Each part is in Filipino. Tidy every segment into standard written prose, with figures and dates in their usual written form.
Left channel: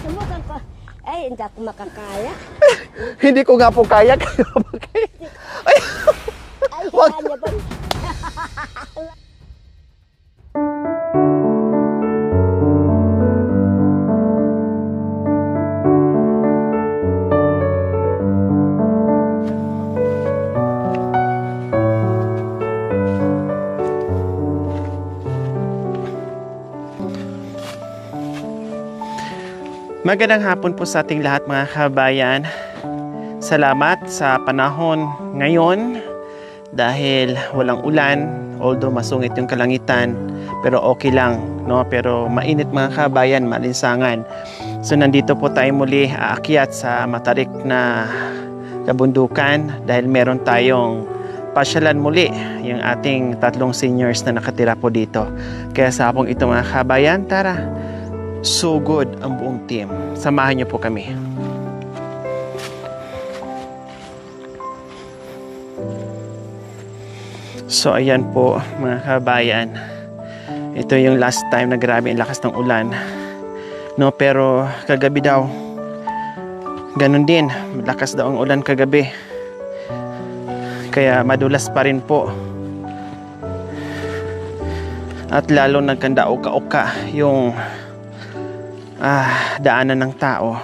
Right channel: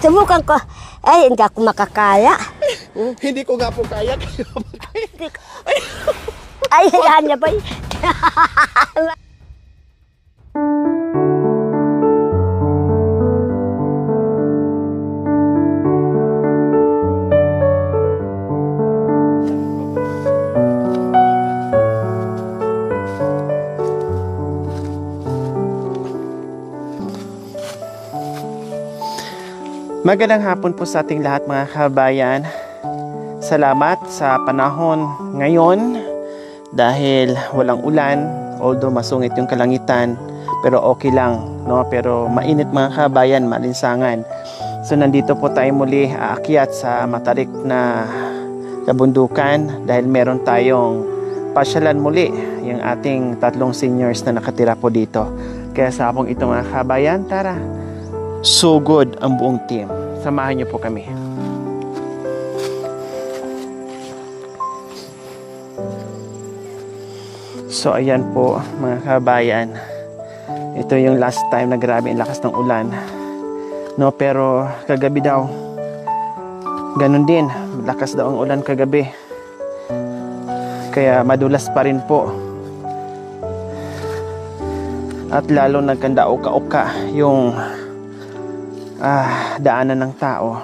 Subukan ko. Ay, hindi ako makakaya. Hindi ko nga po kaya. Ay, hayaan niya ba? Magandang hapon po sa ating lahat mga kabayan. Salamat sa panahon ngayon dahil walang ulan, although masungit yung kalangitan, pero okay lang, no? Pero mainit mga kabayan, malinsangan. So nandito po tayo muli aakyat sa matarik na kabundukan dahil meron tayong pasyalan muli yung ating 3 seniors na nakatira po dito. Kaya sa hapong ito mga kabayan, tara, sugod ang buong team. Samahan niyo po kami. So ayan po mga kabayan. Ito yung last time na grabe ang lakas ng ulan. No, pero kagabi daw ganun din. Malakas daw ang ulan kagabi. Kaya madulas pa rin po. At lalo nagkanda-uka-uka yung daanan ng tao.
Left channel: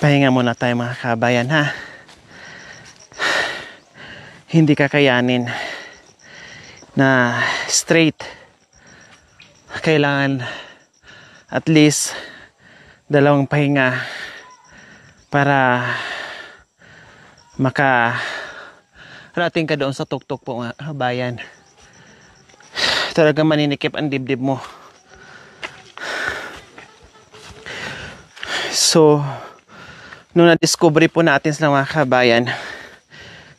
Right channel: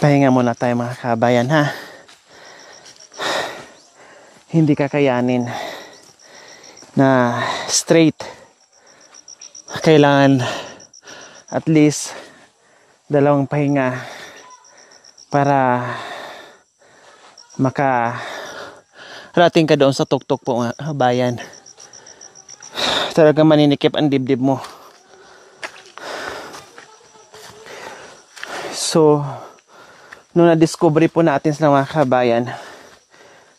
Pahinga muna tayo mga kabayan, ha. Hindi kakayanin na straight. Kailangan at least 2 pahinga para makarating ka doon sa tuktok po mga kabayan. Talaga maninikip ang dibdib mo. So nung na-discovery po natin sa mga kabayan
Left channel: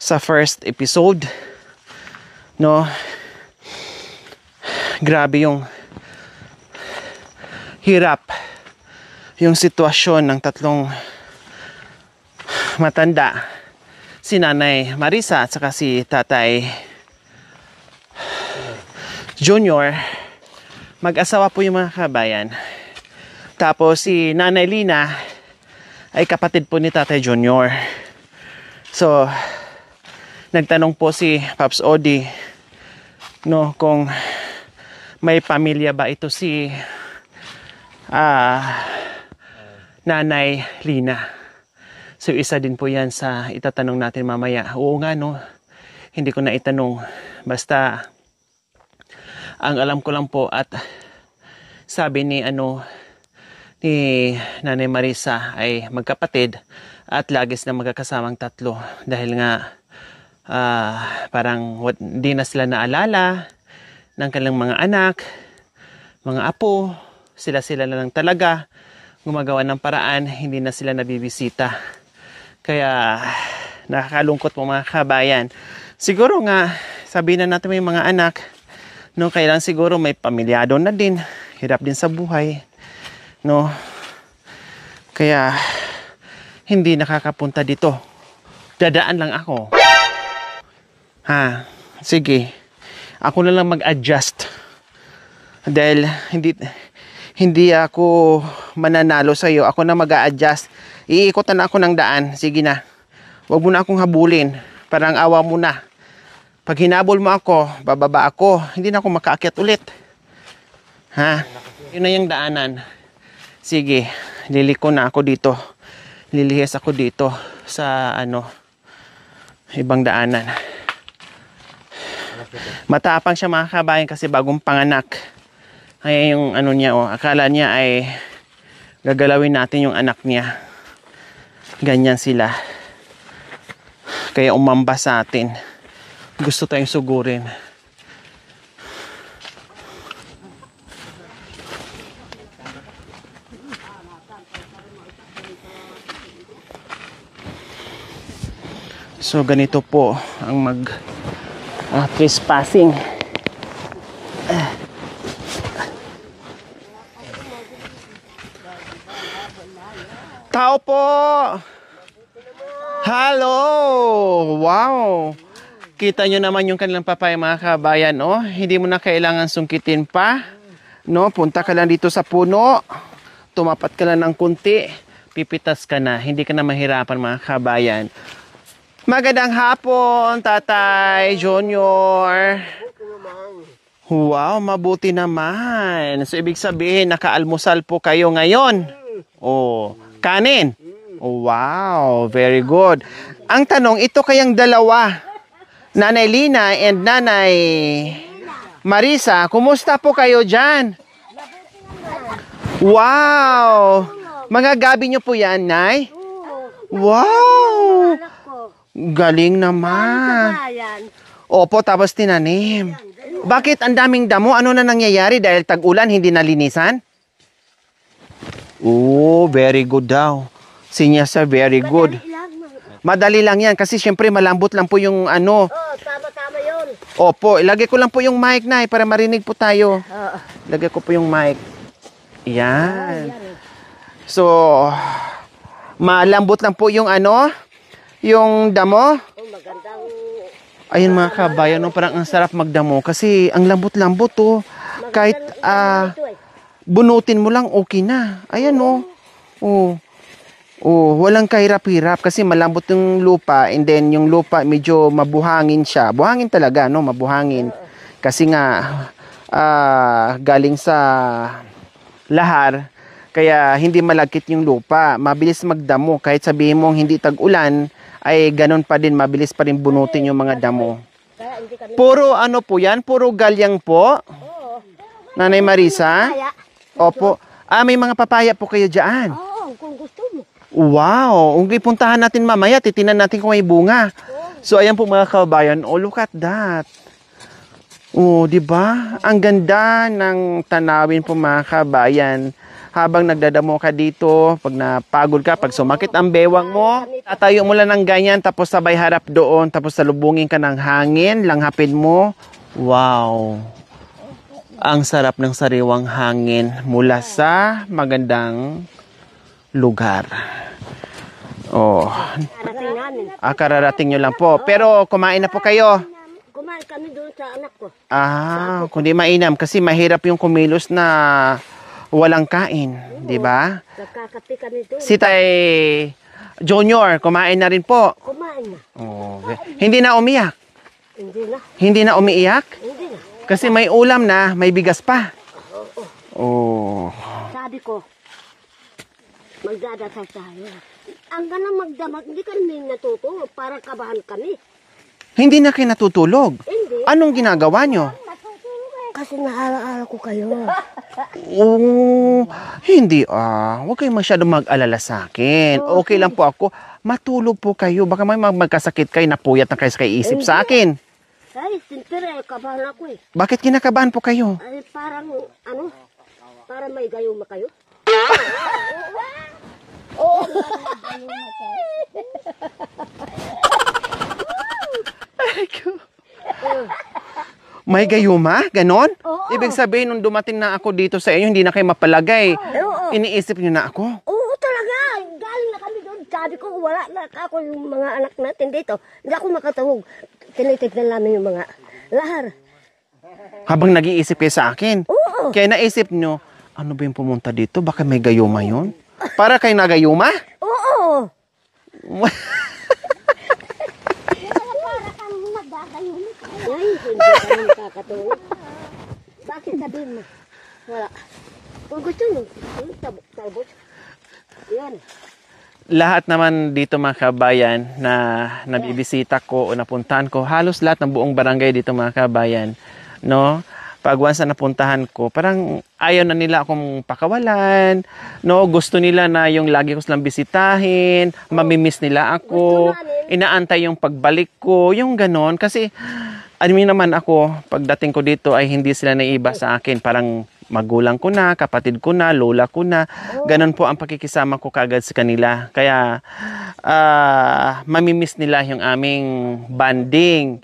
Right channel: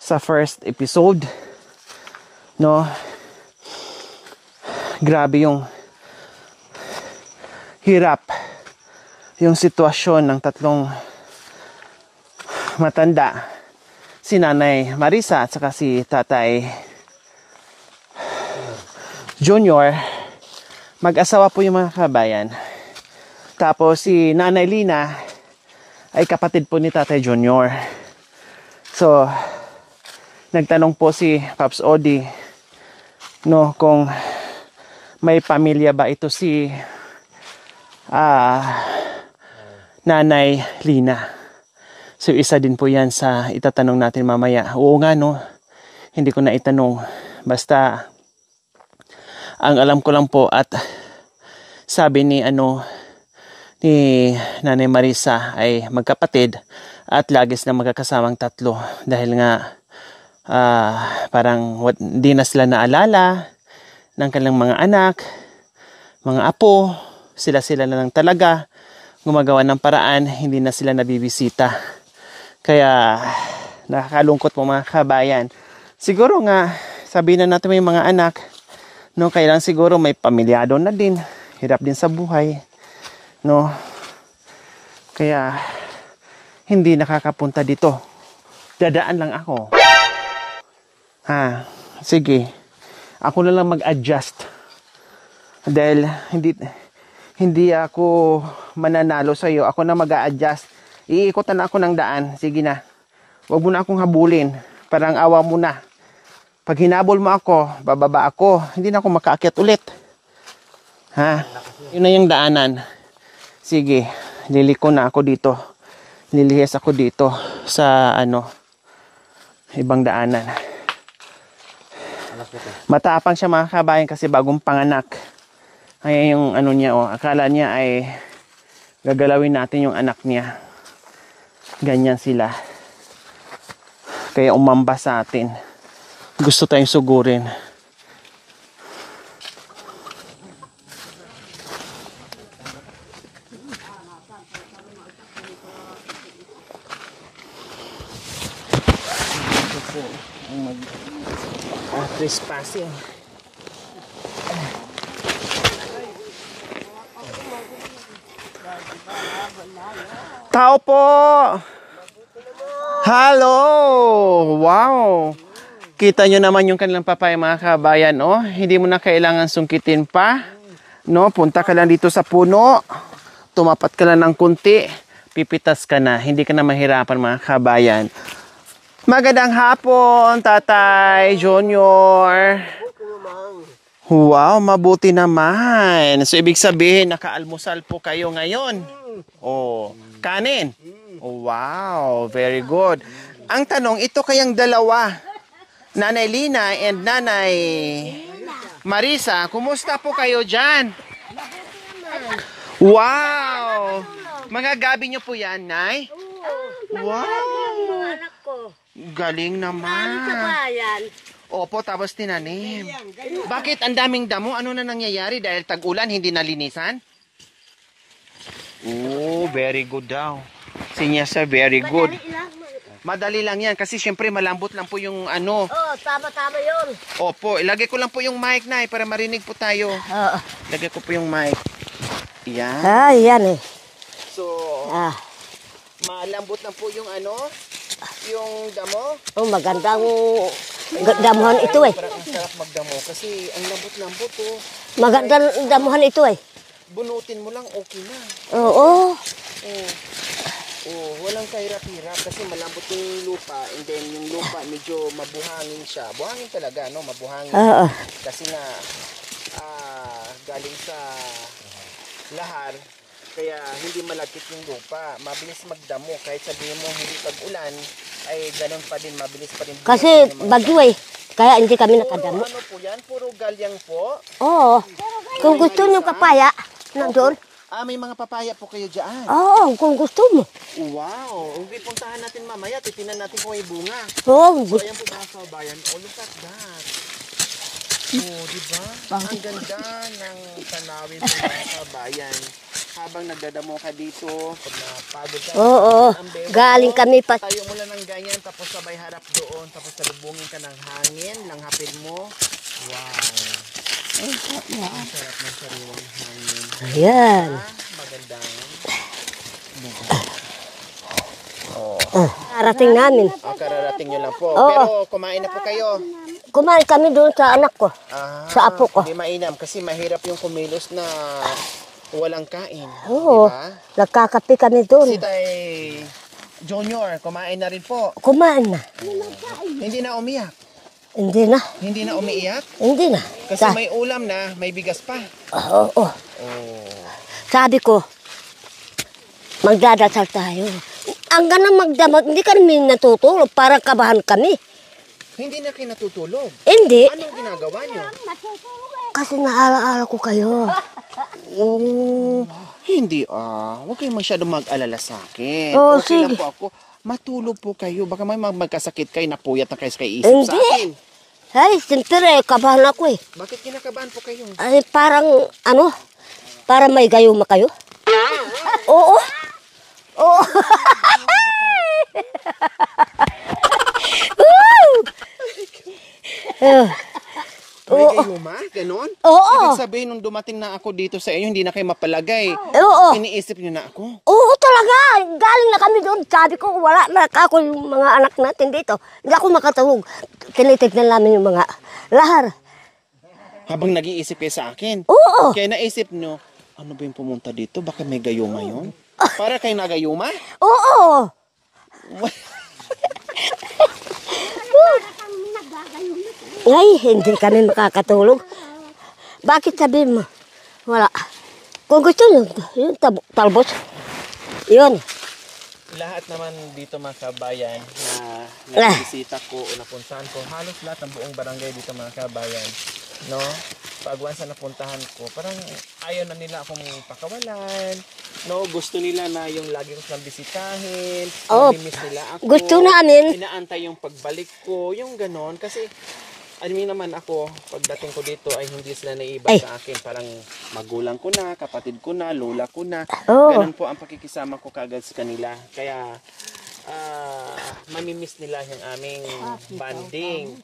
sa first episode, no, grabe yung hirap, yung sitwasyon ng 3 matanda, si Nanay Marisa at saka si Tatay Junior. Mag-asawa po yung mga kabayan. Tapos si Nanay Lina ay kapatid po ni Tatay Junior. So nagtanong po si Pops Odi, no, kung may pamilya ba ito si Nanay Lina. So isa din po yan sa itatanong natin mamaya. Oo nga, no, hindi ko na itanong. Basta ang alam ko lang po at sabi ni Nanay Marisa ay magkapatid at lagis na magkakasamang 3 dahil nga parang hindi na sila naalala ng kanilang mga anak, mga apo. Sila na lang talaga gumagawa ng paraan, hindi na sila nabibisita. Kaya nakakalungkot po mga kabayan. Siguro nga sabihin na natin may mga anak, no, kailan siguro may pamilyado na din, hirap din sa buhay, no. Kaya hindi nakakapunta dito. Dadaan lang ako. Sige. Ako na lang mag-adjust. Dahil hindi ako mananalo sa iyo. Ako na mag-a-adjust. Iikutan na ako ng daan. Sige na. Huwag mo na akong habulin. Parang awa mo na. Pag hinabol mo ako, bababa ako. Hindi na ako makaakyat ulit. Yun na yung daanan. Sige. Liliko na ako dito. Lilihis ako dito sa ibang daanan. Matapang siya mga kabayan kasi bagong panganak. Kaya yung niya, akala niya ay gagalawin natin yung anak niya. Ganyan sila. Kaya umamba sa atin. Gusto tayong sugurin. So ganito po ang trespassing. Tao po! Hello! Wow! Kita nyo naman yung kanilang papaya mga kabayan, oh. Hindi mo na kailangan sungkitin pa. No, punta ka lang dito sa puno. Tumapat ka lang ng kunti. Pipitas ka na. Hindi ka na mahirapan mga kabayan. Magandang hapon, Tatay Junior. Wow, mabuti naman. So, ibig sabihin, nakaalmusal po kayo ngayon. Oh, kanin. Oh, wow, very good. Ang tanong, ito kayang dalawa, Nanay Lina and Nanay Marisa, kumusta po kayo dyan? Wow! Mga gabi nyo po yan, Nay? Wow! Galing naman. Opo, tapos tinanim. Bakit ang daming damo? Ano na nangyayari dahil tag-ulan, hindi nalinisan? Oh, very good daw. Sinyasa, very good. Madali lang yan kasi syempre malambot lang po yung ano. Oo, tama-tama yun. Opo, ilagay ko lang po yung mic na para marinig po tayo. Ilagay ko po yung mic. Yan. Yan eh. So, malambot lang po yung ano, yung damo. Oh, magandang Ayun mga damuhan kabayan, ito eh. parang ang sarap magdamo kasi ang lambot-lambot oh. Magandang damuhan ito eh. Bunutin mo lang, okay na. Ayun Oo. oh. Oh, walang kahirap-hirap kasi malambot yung lupa and then yung lupa medyo mabuhangin siya. Buhangin talaga, no? Mabuhangin. Kasi nga galing sa lahar kaya hindi malagkit yung lupa. Mabilis magdamo kahit sabihin mong hindi tag-ulan ay ganun pa din, mabilis pa rin bunutin yung mga damo. Eh. Kaya hindi kami Puro nakadamo. ano po yan? Puro galyang po? Oo. Nanay Kung gusto Marisa? mo papaya, nandun. Opo. May mga papaya po kayo dyan. Oo, kung gusto mo. Wow! Kung puntahan natin mamaya, titinan natin kung may bunga. Oo. So, ayan po mga kabayan. Oh, look at that. Oh, di ba? Ang ganda ng tanawin po mga kabayan. Habang nagdadamo ka dito, pag napagod ka, pag sumakit ang bewang Galing mo, kami tatayo mo lang ng ganyan, tapos sabay harap doon, tapos salubungin ka ng hangin, langhapin mo. Wow! Ang sarap ng sariwang hangin mula sa magandang lugar. Oh. Karating namin. Kararating nyo lang po. Pero kumain na po kayo. Kumain kami doon sa anak ko. Sa apo ko. Hindi mainam kasi mahirap yung kumilos na walang kain. Di ba? Nagkakape kami doon. Si Tay Junior, kumain na rin po. Kumain na. Hindi na umiyak. Hindi na. Hindi na umiiyak. Hindi na. Kasi may ulam na, may bigas pa. Oo. Oh. Sabi ko, magdadasal tayo. Ang ganang magdamag, hindi kami natutulog. Parang kabahan kami. Hindi na kayo natutulog. Hindi. Anong ginagawa nyo? Kasi naalaala ko kayo. Oh, hindi huwag kayo masyadong mag-alala sa akin. Oh, Okay lang sige. po ako. Matulog po kayo. Baka may magkasakit kayo, napuyat na kayo sa isip sa Hindi. akin. Ay, siyempre, kabahan ako eh. Bakit kinakabahan po kayo? Ay, parang, para may gayuma kayo. Oo. Oo. May gayuma? Ganon? Oo. Ibig sabihin, nung dumating na ako dito sa inyo, hindi na kayo mapalagay. Oo. Iniisip nyo na ako? Oo, talaga. Galing na kami doon. Sabi ko, wala na ako yung mga anak natin dito. Hindi ako makatahog. Tinitignan namin yung mga lahar. Habang nag-iisip kayo sa akin? Oo. Kaya naisip nyo, ano ba yung pumunta dito? Baka may gayuma yun? Para kayo nagayuma? Oo. Ay, hindi kami makakatulog. Bakit sabihin mo? Wala. Kung gusto nyo, yun, talbos. Yun. Lahat naman dito mga kabayan na nagbibisita ko o napuntahan ko, halos lahat ng buong barangay dito mga kabayan, no? Pag once na napuntahan ko, parang ayaw na nila akong pakawalan, no? Gusto nila na yung lagi ko silang bisitahin, mamimiss nila ako. Gusto namin. Inaantay yung pagbalik ko, yung ganon. Kasi naman ako, pagdating ko dito ay hindi sila naiiba sa akin. Parang magulang ko na, kapatid ko na, lola ko na. Ganon po ang pakikisama ko kagad sa kanila. Kaya mamimiss nila yung aming banding.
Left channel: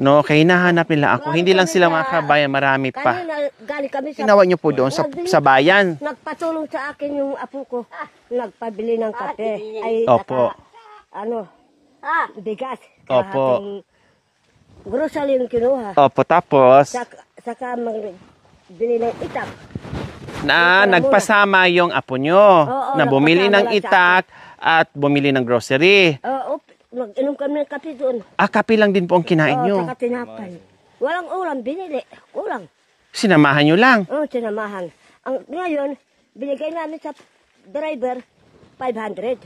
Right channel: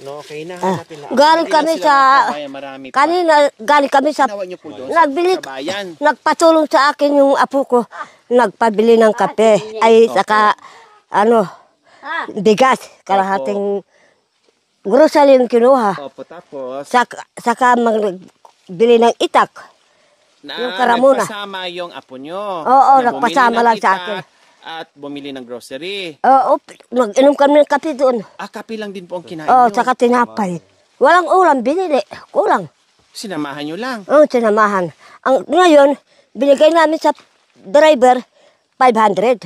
No, kaya hinahanap nila ako. Hindi lang sila mga kabayan, marami pa. Kanina, galing kami sa... Ginawa niyo po doon sa bayan. Nagpatulong sa akin yung apo ko. Nagpabili ng kape. Ay, Opo. saka, bigas, kalahating grocery yung kinuha. Opo, tapos Saka magbili ng itak. na Para muna. nagpasama yung apo nyo Oo, na bumili nagpasama ng lang sa itak at bumili ng grocery. Oo, mag-inom kami ng kape doon. Kape lang din po ang kinain Oo, nyo. saka tinapay. Walang ulam, binili. Kulang. Sinamahan nyo lang. Oo, sinamahan. Ngayon, binigay namin sa driver 500.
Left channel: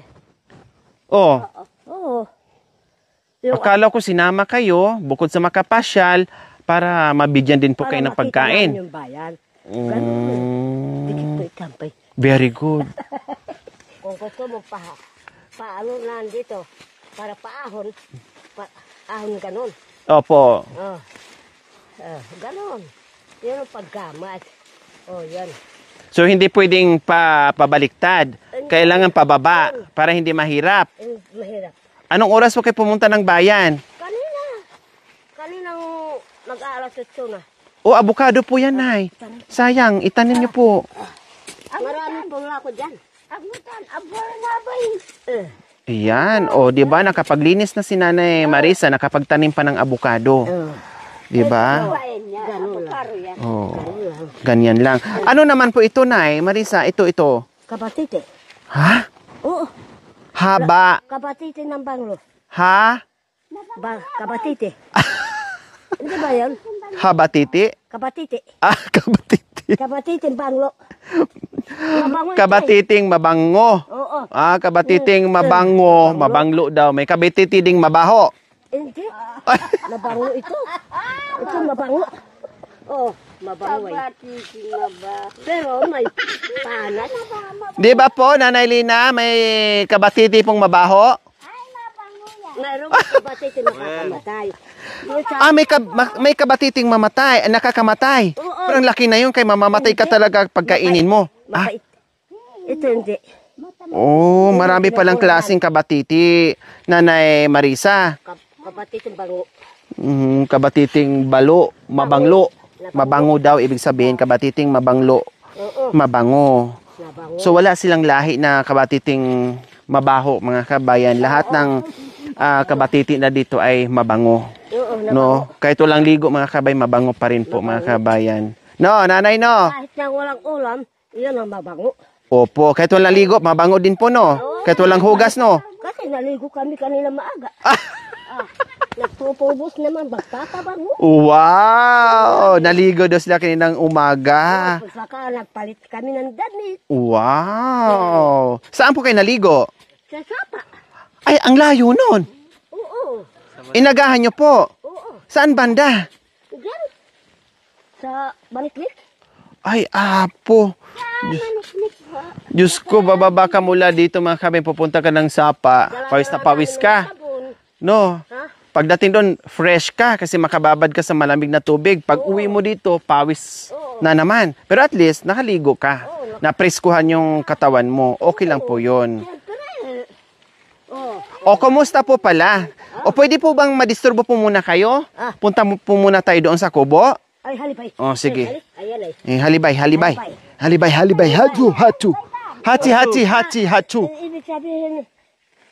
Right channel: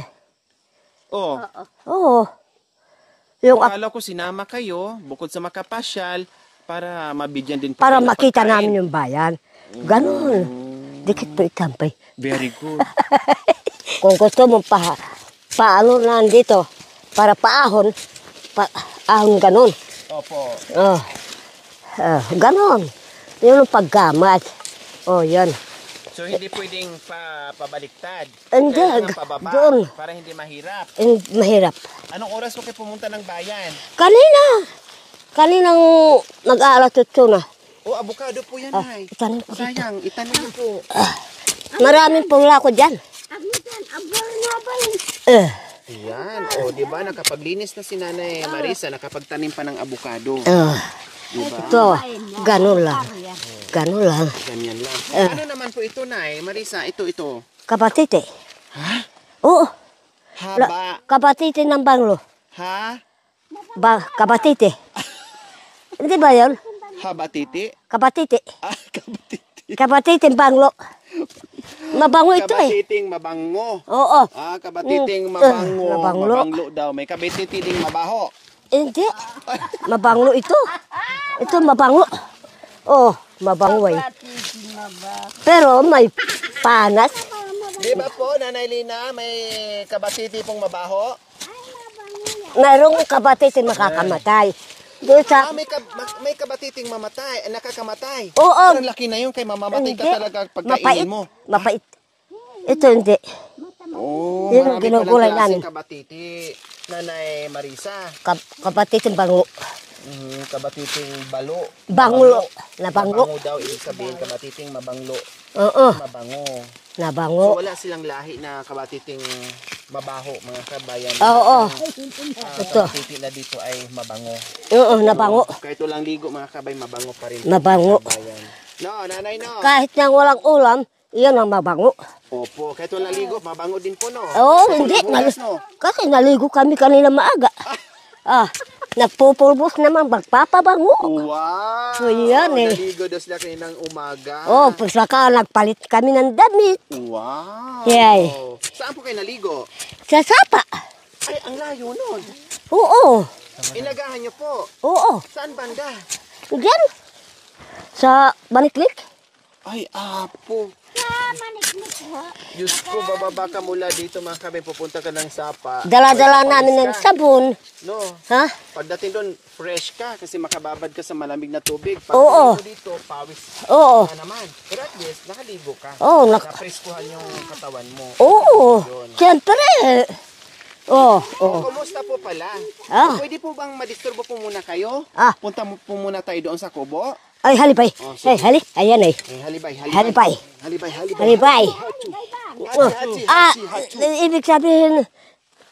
Oh, Oo. Yung, akala ko sinama kayo bukod sa makapasyal para mabigyan din po para kayo ng makita pagkain. namin yung bayan. Ganun. Dikit po itampay. Very good. Kung gusto mo paano nandito, para ahon ganun. Opo. Ganon. Yun ang paggamat. Yan. So hindi pwedeng pabaliktad. Hindi. Kailangan pababa Doon. para hindi mahirap. Mahirap. Anong oras po kayo pumunta ng bayan? Kaninang nag-aalas 8 na. Abukado po yan, Nay. itanim ko. Sayang, itanim niyo po. Maraming pula ko dyan. Yan. Di ba nakapaglinis na si Nanay Marisa, nakapagtanim pa ng abukado. Di ba? Ito, ganun lang. Ganun lang. Ganyan lang. Ano naman po ito, Nay Marisa? Ito. Kapatite. Ha? Oo. Haba. Kapatite ng banglo. Ha? Kapatite. Hindi ba yun? Haba titi? Kapatite. Kabatiti. Kapatite banglo. Mabango ito Kabatiting mabango. Oo. Kabatiting mabango. Mabanglo. Mabanglo daw. May kabititi ding mabaho. Hindi. Mabanglo ito. Ito mabango. Mabango ay. Pero may panas. Di ba po, Nanay Lina, may kabatiti pong mabaho? Mayroong kapatite nakakamatay. May kabatiting mamatay, nakakamatay. Oo. Pero ang laki na yun, kay mamamatay ka Hindi. talaga pagkainin mo. Mapait. Ito hindi. Yun Marami ang palang tinutulan klaseng namin. kabatiti, Nanay Marisa. Kapatite bango. Kabatiting balo, Banglo. mabanglo. Nabango. Mabango daw, ibig sabihin, kabatiting mabanglo, Oo. mabango. Nabango. So wala silang lahi na kabatiting mabaho, mga kabayan. Lahat Oo. ng kabatiti na dito ay mabango. Oo, nabango. No? Kahit walang ligo, mga kabay, mabango pa rin po, Nabango. mga kabayan. No, Nanay, no? Kahit nang walang ulam, iyan ang mabango. Opo, kahit walang ligo, mabango din po, no? Oo, Kahit walang hindi. hugas, no? Kasi naligo kami kanina maaga. Nagpupulbos naman, magpapabango. Wow! Ayan, eh. Naligo daw sila kaninang umaga. Saka nagpalit kami ng damit. Wow! Yay. Saan po kayo naligo? Sa sapa. Ay, ang layo nun. Oo. Inagahan nyo po. Oo. Saan banda? Diyan. Sa Baniklik. Ay, apo. Diyos ko, bababa ka mula dito, mga kabay. Pupunta ka ng sapa. Dala-dala pawis namin ka. ng sabon. No. Ha? Pagdating doon, fresh ka kasi makababad ka sa malamig na tubig. Pag Oo. uwi mo dito, pawis Oo. na naman. Pero at least, nakaligo ka. Oo, Napreskuhan yung katawan mo. Okay lang po yun. Siyempre. O, kumusta po pala? O, pwede po bang madisturbo po muna kayo? Punta po muna tayo doon sa kubo. Ay, halipay. Sige. Ay, ayan eh. Halibay. Halibay. Halibay. Hatu. Hati. Ibig sabihin,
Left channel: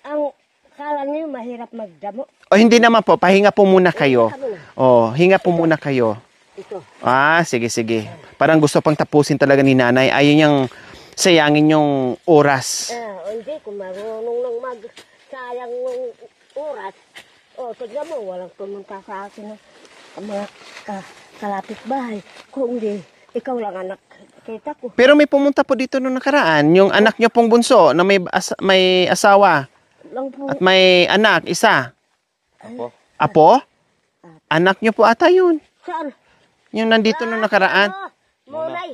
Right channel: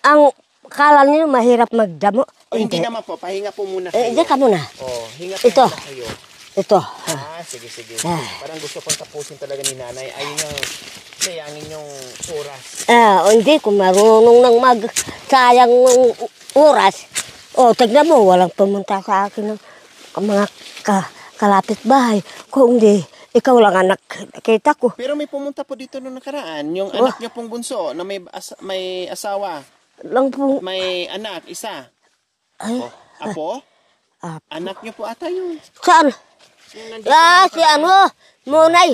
ang kala niyo mahirap magdamo. O, hindi naman po. Pahinga po muna kayo. Hindi ka muna. O, hinga po Ito. muna kayo. Ito. Sige. Parang gusto pang tapusin talaga ni nanay. Ayaw niyang sayangin yung oras. Hindi, kung marunong nang magsayang ng oras. Tignan mo, walang pumunta sa akin ng mga kalapit bahay. Kung hindi, ikaw lang anak kita ko. Pero may pumunta po dito nung nakaraan. Yung anak niyo pong bunso na may asawa. Lang po. At may anak, isa. Ay, Apo? Anak niyo po ata yun. saan? Yung nandito nung nakaraan. Munay.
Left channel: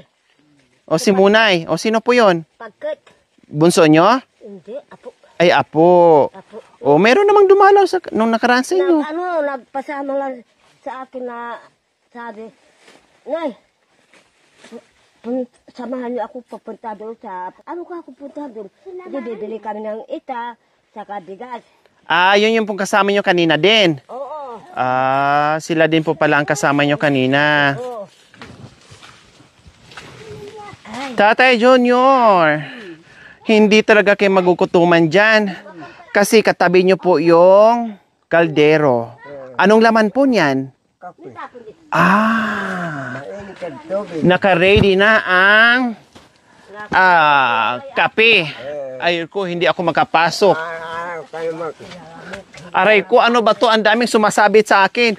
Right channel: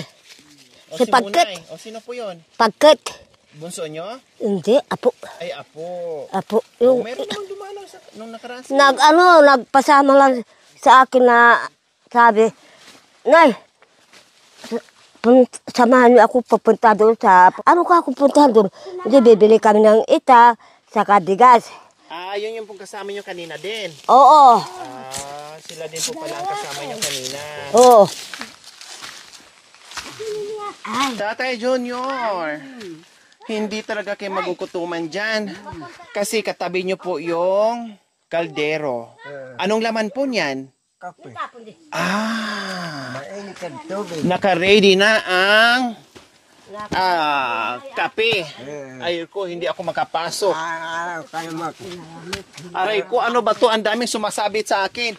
O si si Pagkit. Munay. O sino po yun? Pagkit. Bunso niyo? Hindi, apo. Ay, apo. Apo. O, meron namang dumalaw nung nakaraan sa inyo. Nagpasama lang sa akin na sabi, Nay, samahan niyo ako papunta doon sa... Ano ka ako punta doon? Hindi, bibili kami ng ita, saka bigas. Yun yung pong kasama nyo kanina din. Oo. Sila din po pala ang kasama nyo kanina. Oo. Tatay Junior, hindi talaga kayo magukutuman dyan. Kasi katabi nyo po yung kaldero. Anong laman po niyan? Kape. Ah, Tubig. naka-ready na ang kape. Ayun ko, hindi ako makapasok. Kayo mag... Aray ko, ano ba to? Ang daming sumasabit sa akin.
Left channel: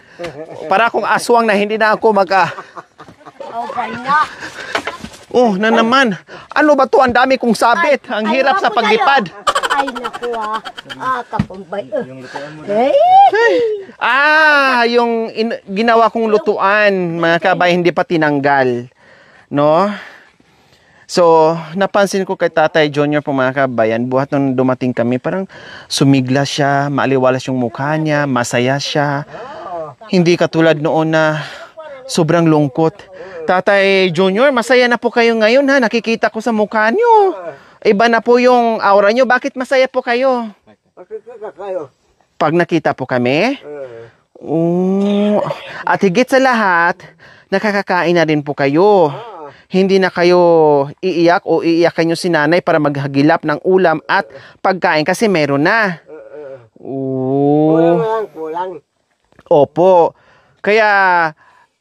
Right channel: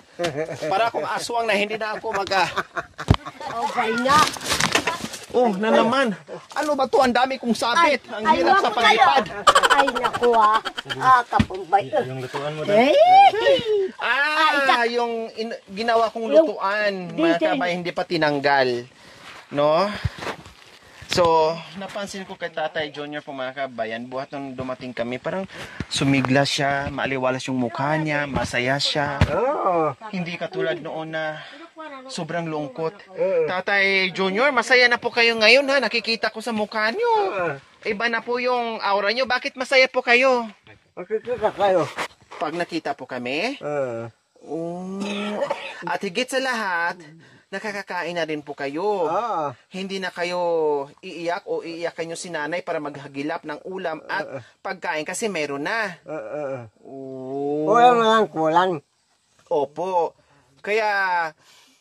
Para akong aswang na hindi na ako Oh, na naman. Ano ba to? Ang dami kong sabit. Ang hirap sa paglipad. Ay, naku kapumbay. Yung lutuan mo Yung ginawa kong lutuan, mga kabay, hindi pa tinanggal. No? So, napansin ko kay Tatay Junior po, mga kabayan, buhat nung dumating kami, parang sumigla siya, maaliwalas yung mukha niya, masaya siya. Hindi katulad noon na sobrang lungkot. Tatay Junior, masaya na po kayo ngayon ha, nakikita ko sa mukha niyo. Iba na po yung aura niyo, bakit masaya po kayo? Makikita kayo. Pag nakita po kami? At higit sa lahat, nakakakain na rin po kayo. Hindi na kayo iiyak o iiyakan nyo si nanay para maghagilap ng ulam at pagkain kasi meron na. Kulang lang, kulang. Opo. Kaya,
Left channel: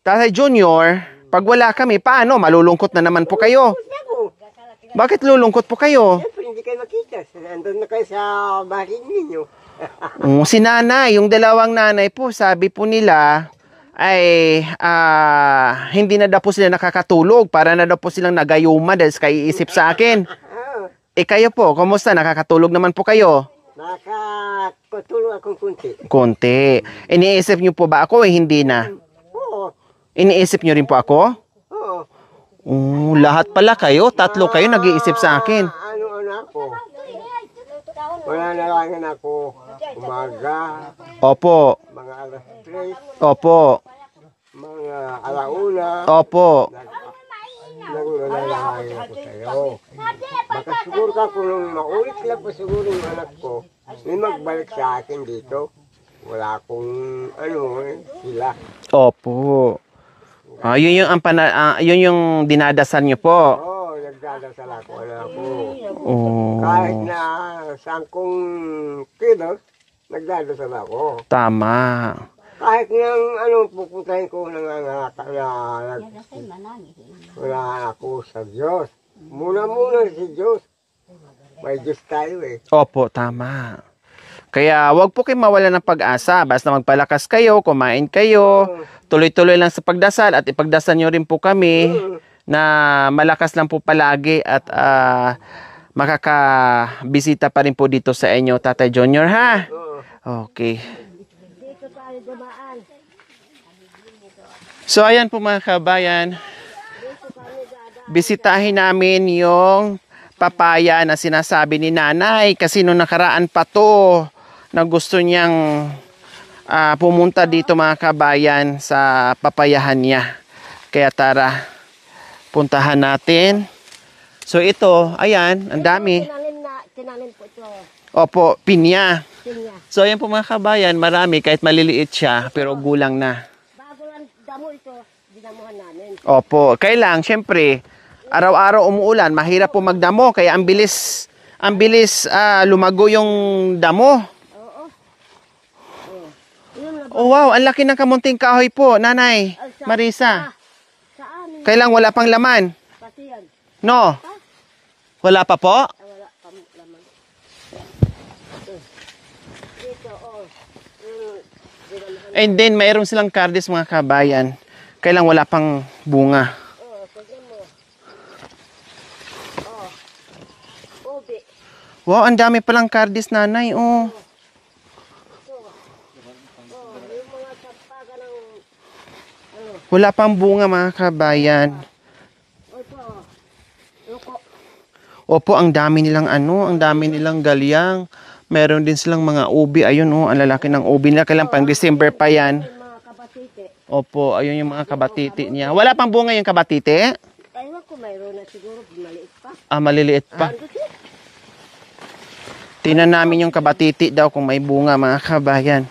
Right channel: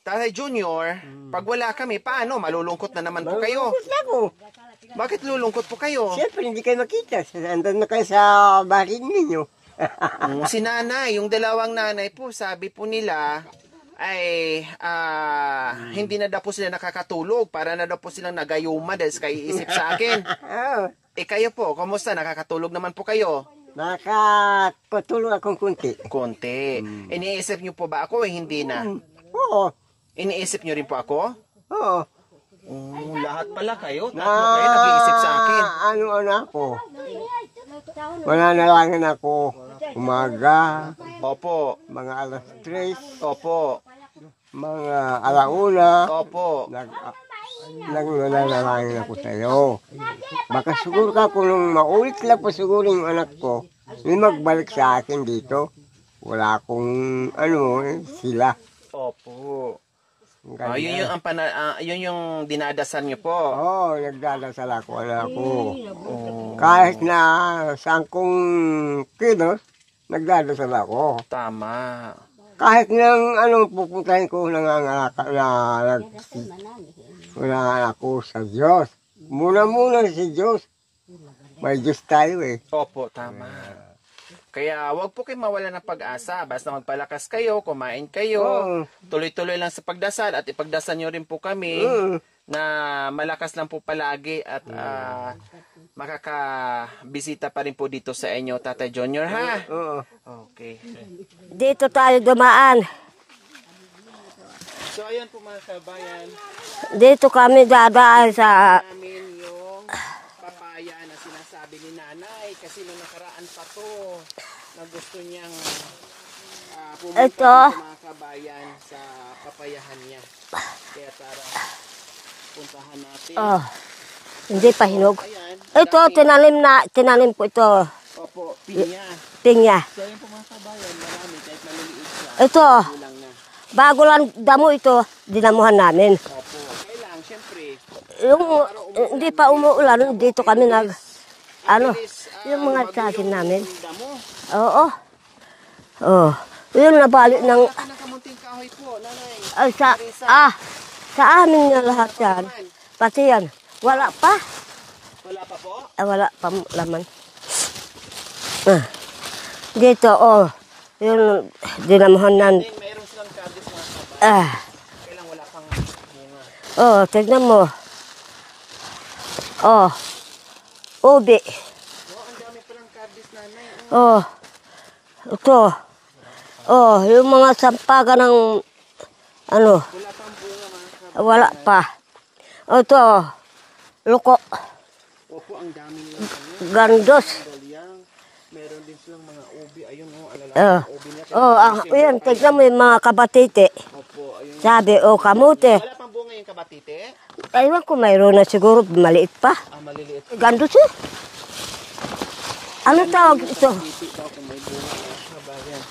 Tatay Junior, pag wala kami, paano? Malulungkot na naman po kayo. Ako, Bakit lulungkot po kayo? siyempre hindi kayo makita. Andun na kayo sa bahay ninyo. Si nanay, yung dalawang nanay po, sabi po nila, ay hindi na daw po sila nakakatulog para na daw po silang nagayuma dahil sa kaiisip sa akin. Kayo po, kumusta? Nakakatulog naman po kayo? Nakakatulog akong kunti. Konti. Iniisip niyo po ba ako? Hindi na. Oo. Iniisip niyo rin po ako? Oo. Lahat pala kayo. Tatlo kayo nag-iisip sa akin. Ano ako? Mananalangin ako umaga, Opo. mga alas 3, Opo. mga alauna. Opo. Nananalangin ako sa'yo. Baka siguro ka kung maulit lang po siguro yung anak ko, may magbalik sa akin dito. Wala akong sila. Opo. Yun yung dinadasal niyo po. Oo, nagdadasal ako, anak ko. Kahit na saan kong kilos, nagdadasal ako. Tama. Kahit nang pupuntahin ko nangangalakal wala ako sa Diyos. Muna si Diyos. May Diyos tayo eh. Opo, tama. Kaya wag po kayo mawala ng pag-asa. Basta magpalakas kayo, kumain kayo, tuloy-tuloy lang sa pagdasal at ipagdasal nyo rin po kami na malakas lang po palagi at makakabisita pa rin po dito sa inyo, Tatay Junior, ha? Okay. Dito tayo dumaan. So, ayan po mga kabayan. Dito kami dadaan Bisitahin namin yung papaya na sinasabi ni nanay kasi nung nakaraan pa to na gusto niyang pumunta dito mga kabayan sa papayahan niya. Kaya tara, puntahan natin. So Hindi ito, pa ayan, ang dami. Ito, tinanim po ito. Opo, pinya. Pinya. So ayan po mga kabayan, marami kahit maliliit siya, Ito. pero gulang na. Bago lang damo ito, dinamuhan namin. Opo, kailang, syempre, araw-araw umuulan, Hindi pa mahirap po umuulan, magdamo, dito kaya ang kami bilis lumago yung damo. Oo. Oh. Yun na ba? Oh, wow, ang laki ng kamunting kahoy po, nanay, Marisa. Sa amin. Kailang wala pang laman. Pati yan. No. Wala pa. Wala pa po? Wala pa laman. Dito, Yun, dinamuhan And nan. then, mayroon silang kardis mga kabayan. Kailang wala pang bunga. Tignan mo. Ubi. Wow, ang dami palang kardis, nanay. Oh. Ito. Yung mga sampagan ng Wala pang bunga mga kabayan. wala pa. Ito. Luko. Opo, ang dami nilang ang dami Galdos. nilang galyang. Meron din silang mga ubi. Ayun, ang lalaki ng ubi nila. Kailang pang December pa yan. Tignan mo yung mga kabatite. Opo, ayun yung Sabi, mga kabatite kamote. niya. Wala pang bunga yung kabatite? Ewan ko, mayroon na siguro, maliit pa. Maliliit pa. Gando siya. Tingnan Ano namin tawag yung ito? kabatiti daw kung may bunga mga kabayan.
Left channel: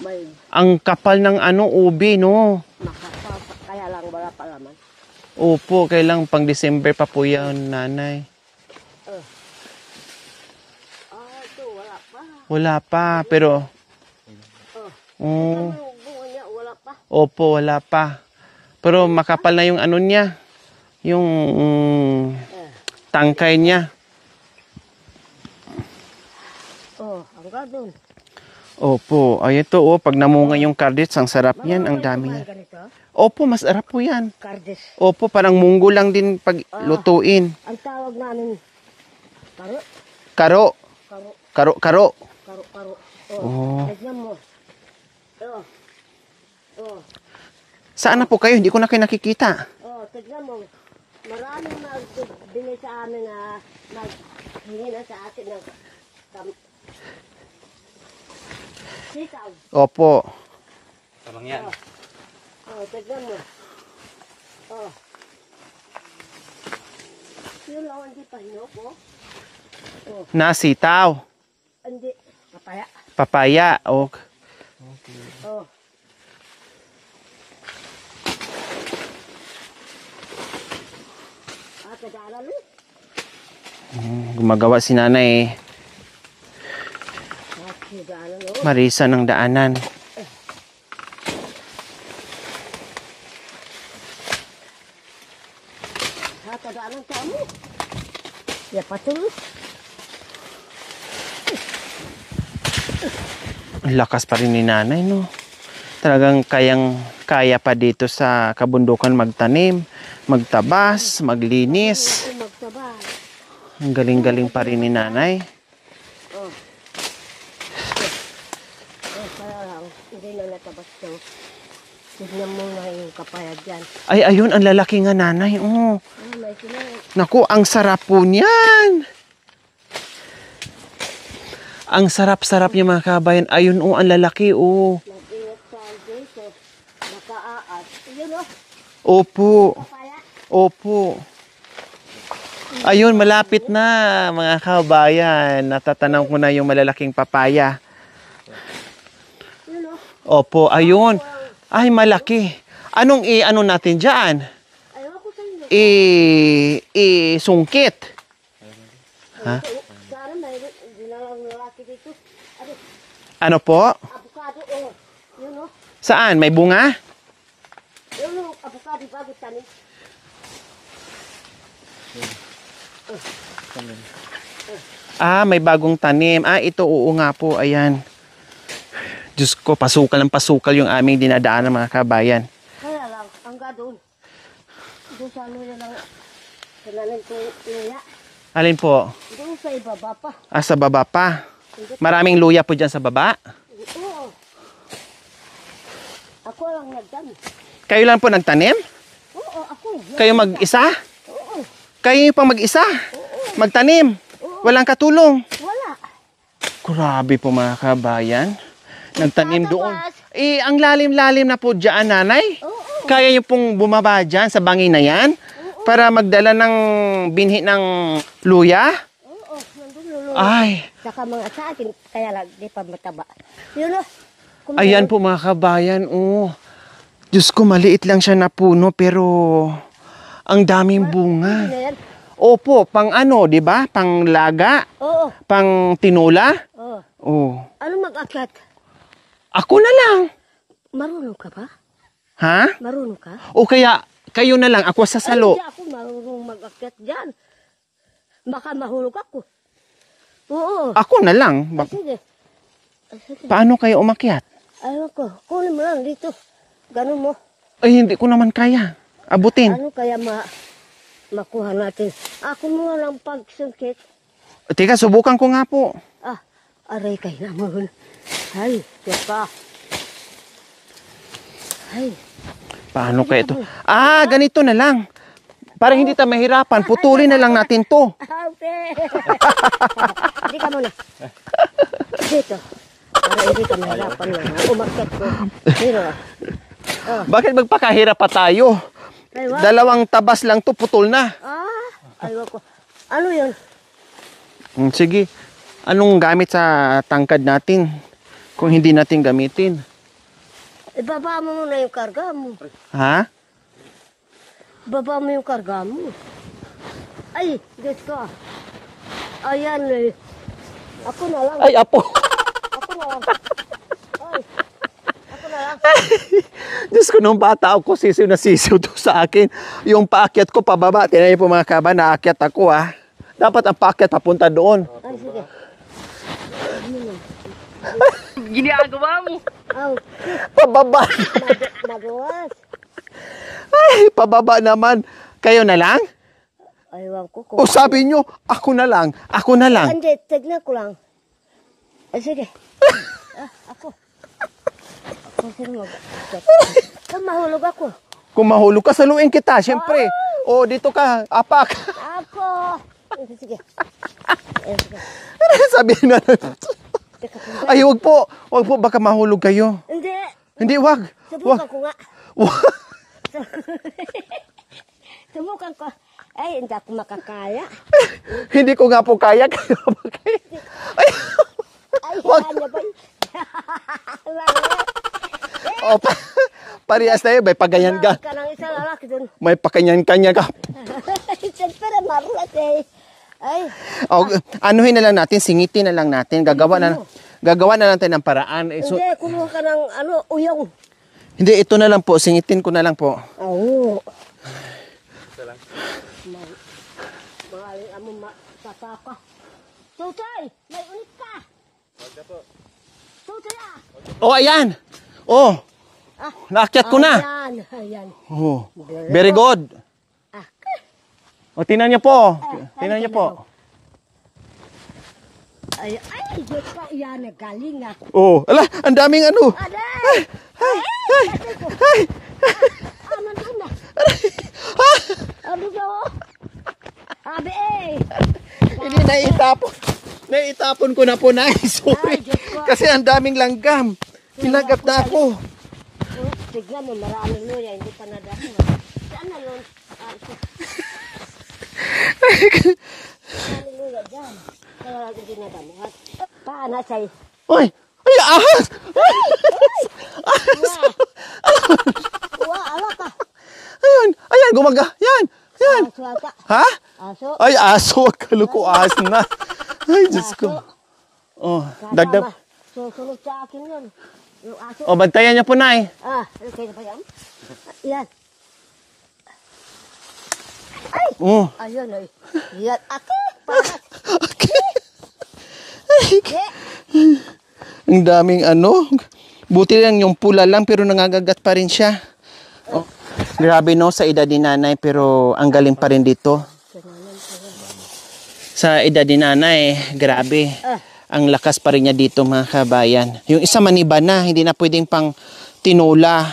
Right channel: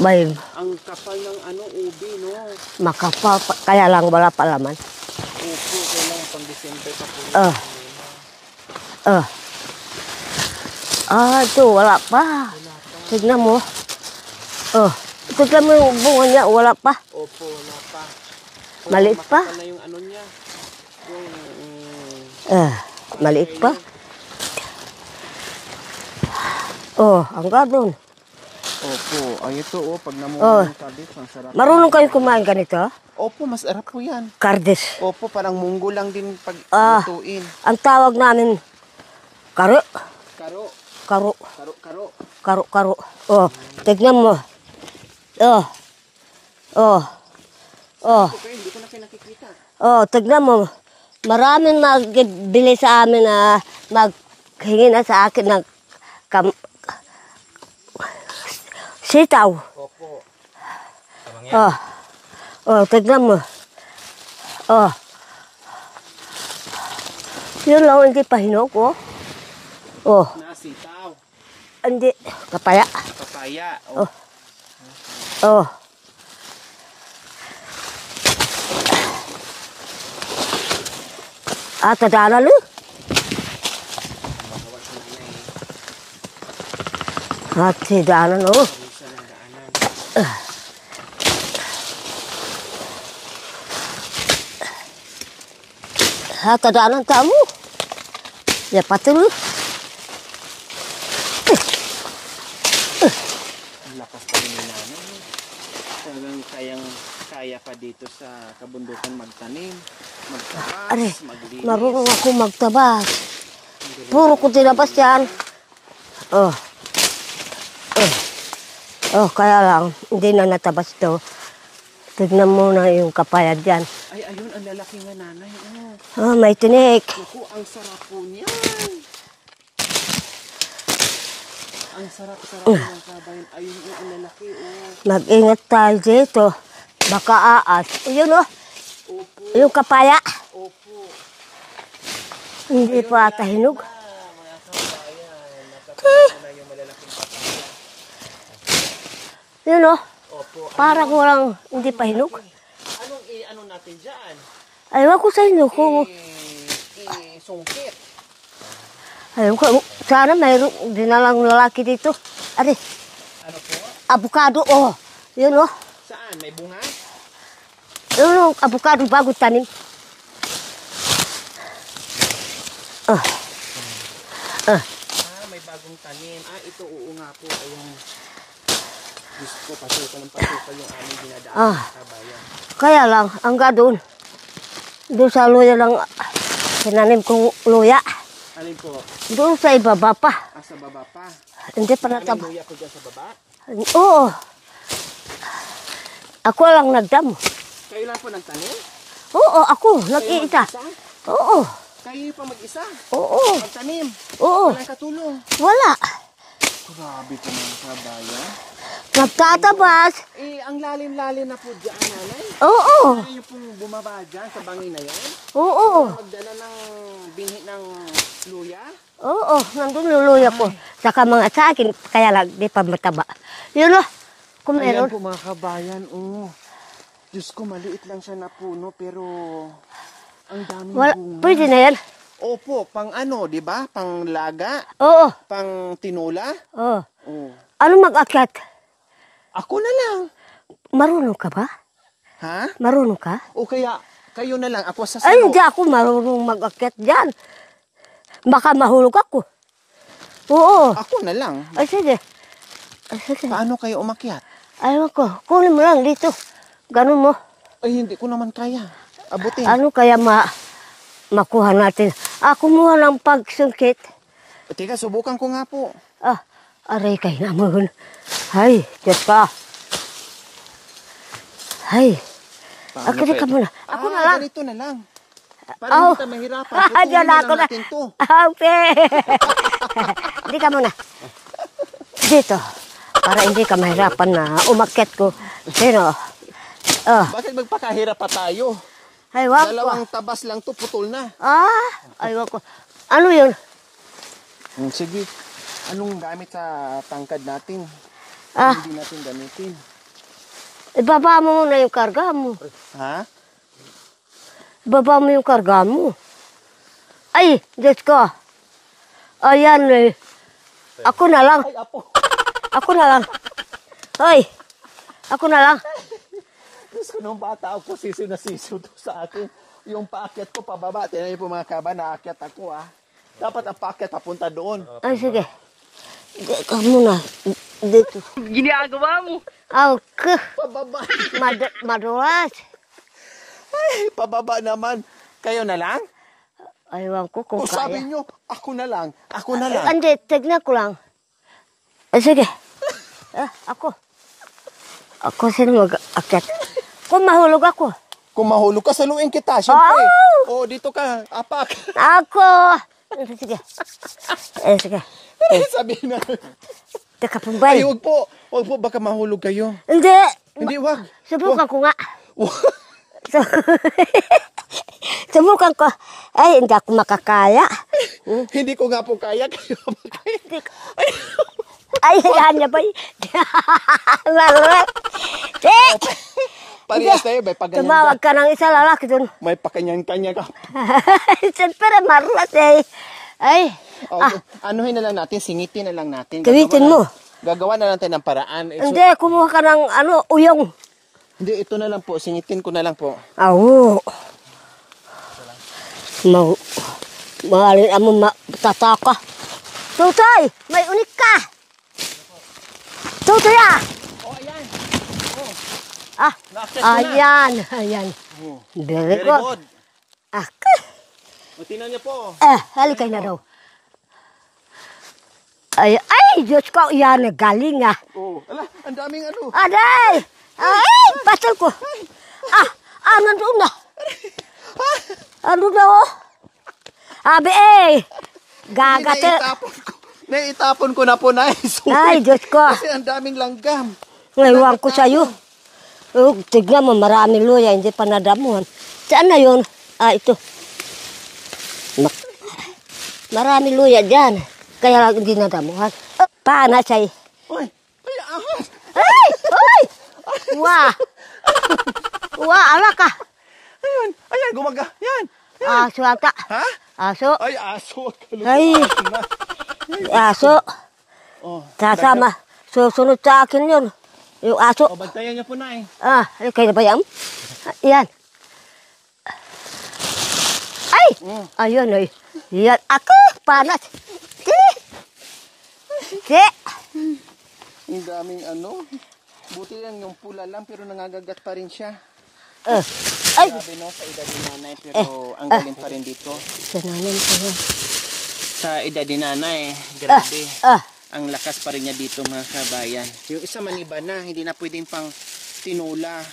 May Ang kapal ng ubi, no? makapal, kaya lang wala pa laman. Opo, kailang pang December pa po yan, nanay. Ah, ito, wala pa. Wala pa, Tignan pero... mo. Oh, tignan mo yung bunga niya, wala pa. Opo, wala pa. Pero Maliit makapal pa. na yung ano niya. Yung tangkay maliit pa. niya. Oh, hanggang doon. Opo. Ay, ito pag namunga Oh. yung kardits, ang sarap Marunong yan. kayo Ang dami. kumain ganito? Opo, masarap po yan. Kardes. Opo, parang munggo lang din pag lutuin. Ang tawag namin, karo. Karo. Karo. Karo, karo. Karo, karo. Oh, tignan mo. Oh. Oh. Saan na po kayo? Hindi ko na kayo nakikita. Oh, tignan mo. Maraming magbili sa amin na maghingi na sa akin ng sitaw. Opo. Oh. Oh, tignan mo. Oh. Yun lang, hindi pa hinog, oh. Oh, Nasitaw. hindi. Kapaya. Papaya. Oh. Oh. Ah, tadala lu. Gumagawa si nanay Ah, tadala lu. Marisa ng daanan. Ah, tadala tamu. Ya patul. Ang lakas pa rin ni nanay, no? Talagang kaya pa dito sa kabundukan magtanim, magtabas, maglinis. Marunong ako magtabas. Ang galing-galing Oo, pa rin tinabas ni yan. nanay. Oh. Oh. Oh, kaya lang, hindi na natabas to. Tignan mo na yung kapayad dyan. Ay, ayun, ang lalaki nga nanay. Oh. Oh, may tinik. Naku, ang sarap po niyan. Ang sarap-sarap niya mga kabayan. Ayun, ang lalaki, Mag-ingat tayo dito. Baka aas. Ayun, oh. Opo. Yung kapaya. Opo. Hindi Ayun, pa malapit kahinog. na mga kabayan. Natatanong ko na yung malalaking papaya. Yun, oh. Opo, Parang ayun. walang- Ay, hindi pa malaki. Anong ano natin dyan? Ayaw ko sa inyo. Kung, Sungkit. ayaw ko. Sana mayroong dinalang lalaki dito. Ari, Ano po? avocado, oh. Yun, oh. Saan? May bunga? Yun, oh. Avocado bago tanim. Ah, may bagong tanim. Ah, ito, oo nga po. Ayan. Diyos ko, pasukal ng pasukal yung aming dinadaan mga kabayan. Kaya lang, hanggang doon. Doon sa luya lang, tinanim kong luya. Alin po? Doon sa ibaba pa. Ah, sa baba pa. Hindi pa Maraming luya po dyan sa baba. Oo. Ako lang nagdamo. Kayo lang po nagtanim? Oo, ako. Kayo nagtinda. mag-isa? Oo. Kayo yung pang mag-isa? Oo. Magtanim? Oo. Walang katulong? Wala. Grabe po mga kabayan. Nagtatabas. Ang lalim-lalim na po dyan, nanay. Oo. Kaya yung pong bumaba dyan sa bangin na yan? Oo. Para magdala ng binhi ng luya? Oo, nandun luluya ko. Ay. Saka mga sa akin, kaya lang, di pa mataba. Yun o. Kung Ayan meron. po mga kabayan, Diyos ko, maliit lang siya na puno, pero ang daming bunga. Pwede na yan. Opo, pang ano, di ba? Pang laga, Oo. pang tinula. Oo. Oh. Ano mag-akyat? Ako na lang. Marunong ka ba? Ha? Marunong ka? O kaya, kayo na lang, ako sa Ay, salo. hindi ako marunong mag-akyat dyan. Baka mahulog ako. Oo. Ako na lang. Ay, sige. Ay, sige. Paano kayo umakyat? Ayaw ko. Kunin mo lang dito. Ganun mo. Ay, hindi ko naman kaya. Abutin. Ano kaya makuha natin? Kumuha ng pagsungkit. Teka, subukan ko nga po. Aray kayo naman. Ay, Diyos ka. Ay. Paano Ako, pa di ka ito? muna. Ganito na lang. Para hindi tayo mahirapan, putulin na Diyan lang ako natin to. Okay. Hindi ka muna. Dito. Para hindi ka mahirapan na umakyat ko. Sino? Bakit magpakahirap pa tayo? Ay, wag. Dalawang tabas lang to, putol na. Ayaw ko. Ano yun? Sige. Anong gamit sa tangkad natin? Kung hindi natin gamitin. Ibaba mo muna yung karga mo. Ha? Baba mo yung karga mo. Ay, Diyos ko. Ayan eh. Ako na lang. Ay, apo. Ako na lang. Hoy. Ako na lang. Diyos ko, nung bata ako, sisiw na sisiw to sa akin. Yung paakyat ko pababa, tinayin po mga kaba, naakyat ako Dapat ang paakyat papunta doon. Ay, sige. Muna. Ginagawa mo. Ako. Pababa. Madulas. Ay, pababa naman. Kayo na lang? Aywan ko kung... O sabi nyo, ako na lang. Ako na lang. Hindi, tignan ko lang. Ay, sige. Ako. Ako sino mag-akyat. Kung mahulog ako. Kung mahulog ka, saluin kita, syempre. O, dito ka, apak. Ako. Sige. Sige. Sabihin na. Teka po ba? Ay, wag po. Wag po, baka mahulog kayo. Hindi. Hindi, wag. Subukan ko nga. Subukan ko. Ay, hindi ako makakaya. Hindi ko nga po kaya. Ay, hanya ba? Parehas tayo, may pagayan Tumawag ka. ka ng isa lalaki dun. May pakanyan-kanya ka. Siyempre, marulat eh. Ay. O, anuhin na lang natin, singitin na lang natin. Gamitin mo. Gagawa na lang tayo ng paraan. Hindi, kumuha ka ng uyong. Hindi, ito na lang po. Singitin ko na lang po. Oo. Mahalin mo tataka. Tutay, may unik ka. Tutay Oh, ayan. Oh, Ah, naakyat ko na. Ayan. Oh, Very very good. O, tingnan niyo po. Halika na daw. Ay, Diyos ko, yan, galing Oh, ala, ang daming ano. Aday! Ay, pasal ko. Nandun na. Ano na, Abi, Naitapon ko na po, nice. Ay, Diyos ko. Kasi ang daming langgam. Ngayon ko sa'yo. Tignan mo, maraming luya, hindi pa nadamuhan. Saan na yun? Ito. Maraming luya dyan. Kaya lang hindi nadamuhan. Paano sa'yo? Uy, ay, ahas! Ay! Wah! Wah, ala ka! Ayan, gumaga. Yan. Aso ata. Ha? Aso. Ay, aso. Akala ko Ay. ahas na. Ay, Diyos Aso. ko. Oh, Sasama. Susunod sa akin yun. Yung aso. O, bantayan niyo po, Nay. Kaya ba yan? Yan. Ay! Oh. Ayun, ay. Yan. Ako! Panas. Okay. Ang daming ano. Buti lang yung pula lang pero nangangagat pa rin siya. Grabe no, sa edad ni nanay pero ang galing pa rin dito. Sa edad ni nanay, grabe. Ang lakas pa rin niya dito mga kabayan. Yung isa maniba na, hindi na pwedeng pang tinola.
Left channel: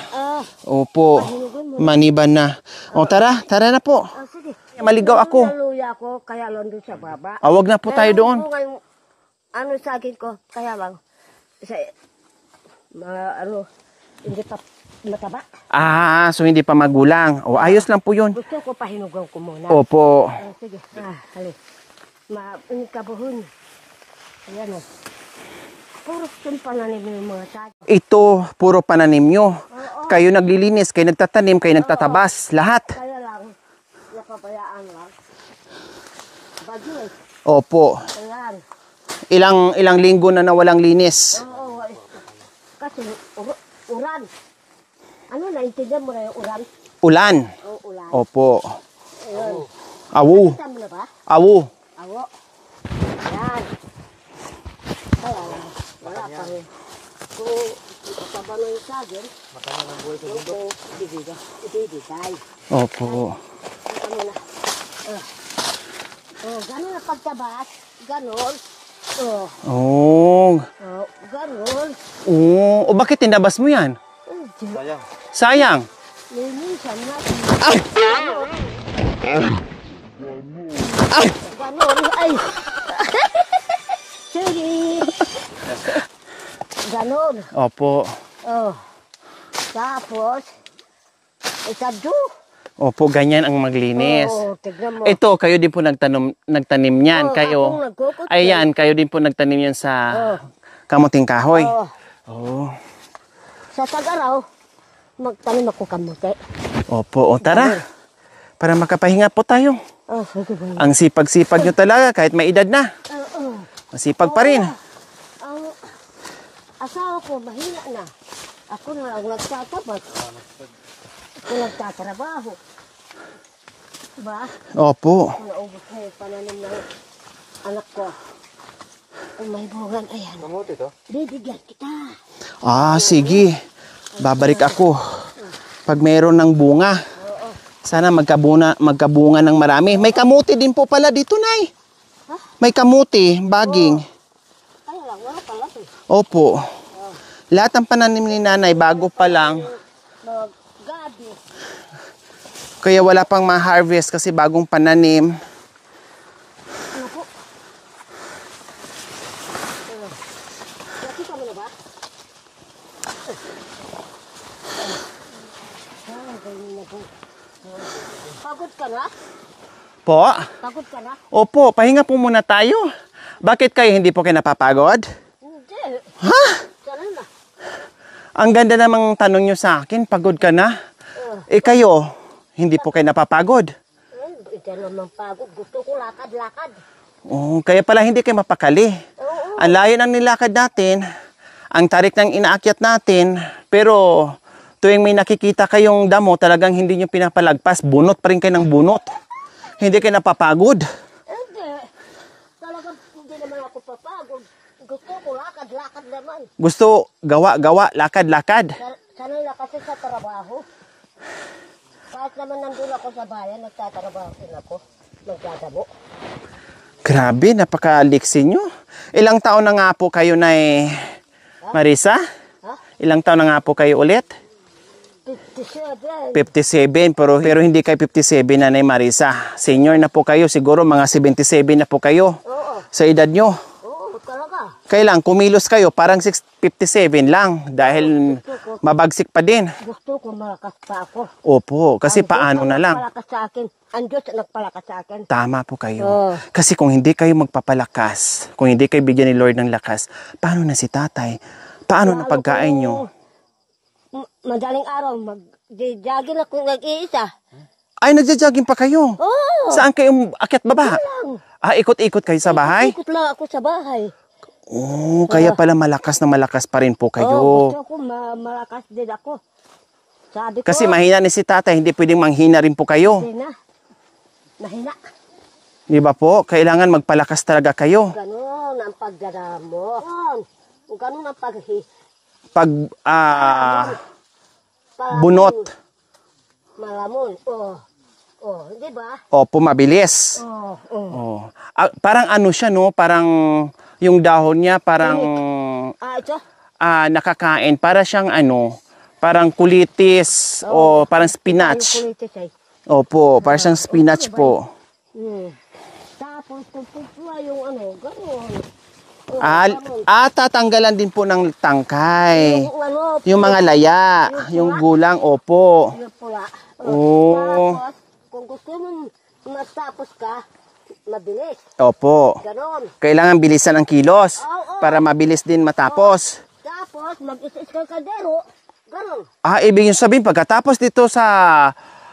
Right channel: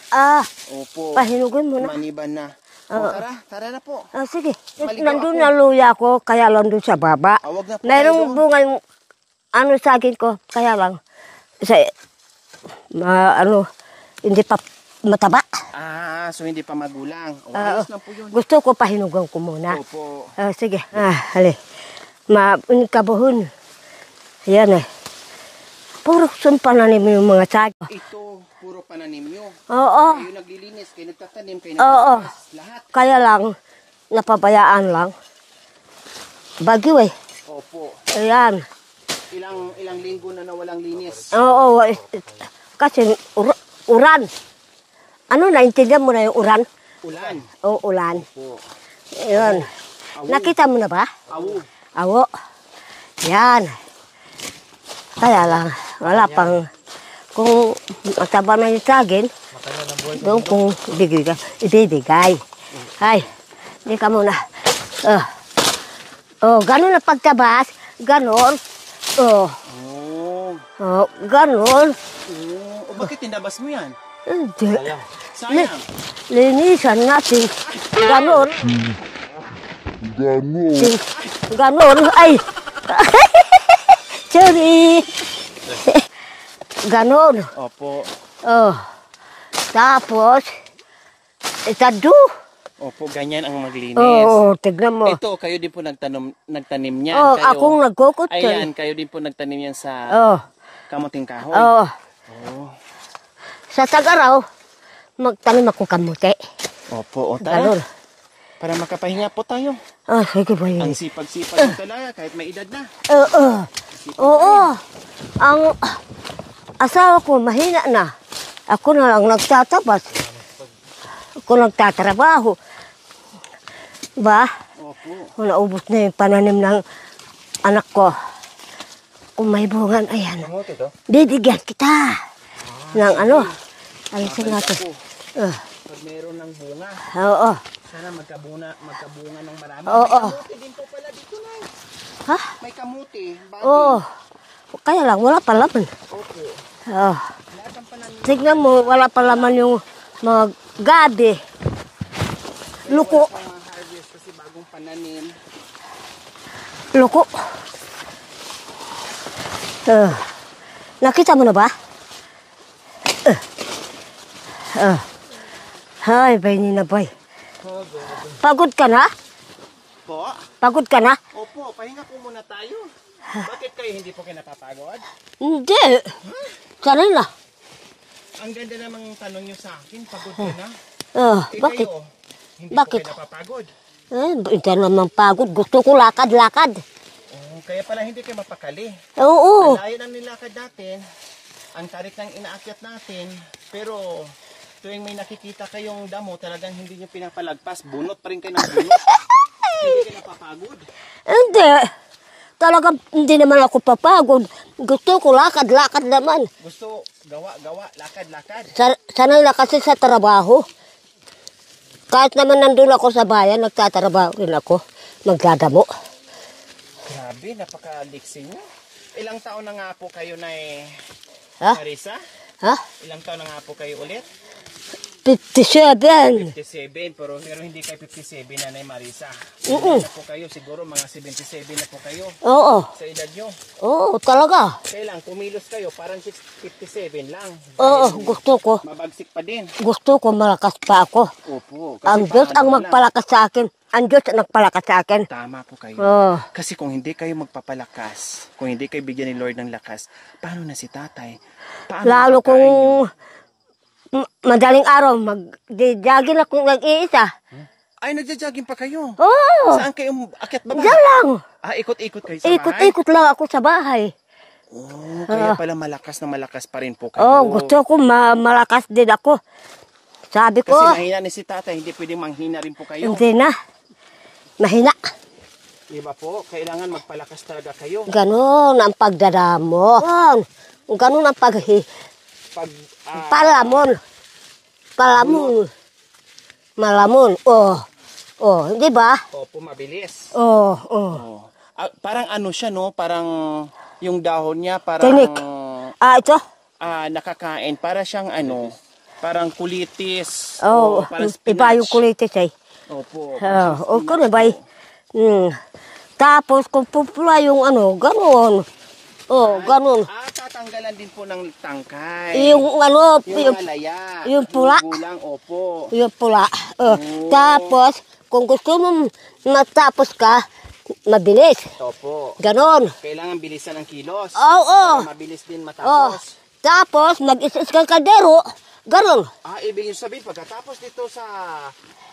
Opo, Pahinugin mo na. maniba na. O tara na po. Sige. Maligaw ako. Nandun na luya ko, kaya lang doon sa baba. Wag na po tayo doon. Bunga yung sa akin ko, kaya lang. Hindi pa mataba. So hindi pa magulang. O ayos lang po yun. Gusto ko pahinugan ko muna. Opo. Sige. Hali. Kabuhon. Yan eh. Puro pananim yung mga sago. Ito, puro pananim nyo. Oo. Kayo naglilinis, kayo nagtatanim, kayo nagtatabas, lahat. Kaya lang, napabayaan lang. Bagyo eh. Opo. Ayan. Ilang linggo na nawalang linis. Oo. Kasi uran. Ano, naintindihan mo na yung uran? Ulan. Oo, ulan. Opo. Ayan. Awo. Nakita mo na ba? Awo. Awo. Yan. Kaya lang, wala pang, kung mataba na yung sagin, doon kung ibibigay. Opo. Ay, hindi ka muna. Ganun na pagtabas, ganon. Ganon. O bakit tinabas mo yan? Hindi. Sayang. Linisan natin. Ganon. Ganon. Ay. Sorry. Ganon. Opo. Tapos, itado. Opo, ganyan ang maglinis. Tignan mo. Ito, kayo din po nagtanim niyan. Kayo. Akong nagkukot. Ayan, kayo din po nagtanim yan sa kamuting kahoy. Sa Tagaraw, magtanim ako kamuti. Opo, tara. Para makapahinga po tayo. Sige ba yun? Ang sipag-sipag nyo talaga kahit may edad na. Masipag pa Oo. rin. Ang asawa ko mahina na. Ako na lang nagtatabas. Ako nagtatrabaho. Ba? Opo. Naubos na yung pananim ng anak ko. Kung may bungan, ayan. Bibigyan kita. Ng Sige. Ay, Babalik natin. ako. Pag mayroon ng bunga. Oo. Sana magkabunga ng marami. May kamuti din po pala dito, Nay. Ha? May kamuti, baging. Kaya lang, wala pa laman. Opo. Lahat ng pananim ni Tignan Nanay mo, bago wala pa pa laman lang. yung mga gabi. Kaya Luko. wala pang ma-harvest kasi bagong pananim. Loko. Nakita mo na ba? Hay, bay ni na bay. Pagod ka na? Po? Pagod ka na? Opo, pahinga po muna tayo. Bakit kayo hindi po kayo napapagod? Hindi. Ha? Sanay na. Ang ganda namang tanong nyo sa akin, pagod ka na? Bakit? Kayo, hindi po Bakit? kayo napapagod? Hindi naman pagod. Gusto ko lakad-lakad. Kaya pala hindi kayo mapakali. Oo. Ang layo ng nilakad natin, ang tarik ng inaakyat natin, pero tuwing may nakikita kayong damo, talagang hindi nyo pinapalagpas, bunot pa rin kayo ng bunot. Hindi kayo napapagod. Hindi. Talaga hindi naman ako papagod. Gusto ko lakad-lakad naman. Gusto gawa-gawa, lakad-lakad. Sanay na kasi sa trabaho. Kahit naman nandun ako sa bayan, nagtatrabaho rin ako. Magdadamo. Grabe, napaka-liksi nyo. Ilang taon na nga po kayo na Marisa? Ha? Ilang taon na nga po kayo ulit? 57. 57, pero hindi kayo 57 Nanay Marisa. Senior na po kayo, siguro mga 77 na po kayo Oo. sa edad nyo. Oo, talaga. Kailan kumilos kayo, parang 57 lang dahil gusto ko. mabagsik pa din. Gusto ko malakas pa ako. Opo, kasi Ang Diyos paano ang na lang. nagpalakas sa akin. Ang Diyos ang nagpalakas sa akin. Tama po kayo. Oo. Kasi kung hindi kayo magpapalakas, kung hindi kayo bigyan ni Lord ng lakas, paano na si tatay? Paano ang Lalo pagkain kung nyo? madaling araw, mag-jogging ako nag-iisa. Ay, nagja-jogging pa kayo? Oo. Saan kayo akyat baba? Diyan lang. Ikot-ikot kayo sa bahay? Ikot-ikot lang ako sa bahay. Kaya pala malakas na malakas pa rin po kayo. Gusto ko malakas din ako. Sabi ko, Kasi mahina ni si tatay, hindi pwedeng manghina rin po kayo. hindi na. Mahina. Di ba po? Kailangan magpalakas talaga kayo. Ganon ang pagdadamo. Ganon ang palamon. Bunot. Malamon. Di ba? Opo, mabilis. Parang ano siya, no? Parang yung dahon niya, parang Tinik. Ito? nakakain. Para siyang ano, parang kulitis o parang Iba spinach. yung kulitis eh. Opo, parang siyang spinach po. Tapos kung pupula yung ano, ganon. Ganon. Tatanggalan din po ng tangkay. Yung mga laya. yung pula. Yung gulang, opo. Yung pula. Oh. Tapos, kung gusto mo matapos ka, mabilis. Opo. Ganon. Kailangan bilisan ang kilos Oo. para mabilis din matapos. Tapos, mag-isas ka kaldero. Ganon. Ibig yung sabihin, pagkatapos dito sa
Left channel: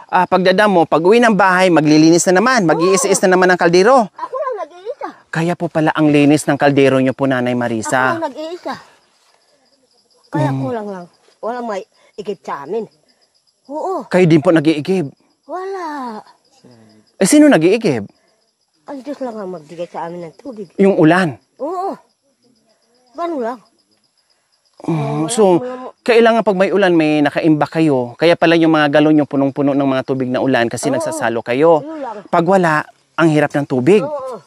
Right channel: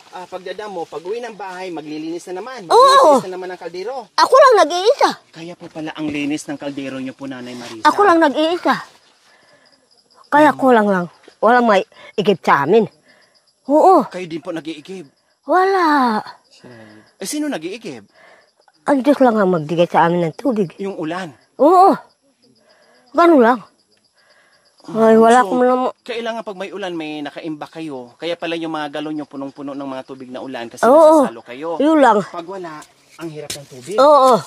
pagdadamo, pag uwi ng bahay, maglilinis na naman. Mag-iis-is na naman ang kaldero. Ako lang nag-iisa. Kaya po pala ang linis ng kaldero nyo po, Nanay Marisa. Ako lang nag-iisa. Kaya kulang lang. Walang may igib sa amin. Oo. Kayo din po nag-iigib. Wala. Sino nag-iigib? Ang Diyos lang ang magbigay sa amin ng tubig. Yung ulan. Oo. Ganun lang. Ay, wala So, ko naman. kailangan pag may ulan, may nakaimba kayo. Kaya pala yung mga galon nyo punong-puno ng mga tubig na ulan kasi nagsasalo kayo. Yun lang. Pag wala, ang hirap ng tubig. Oo.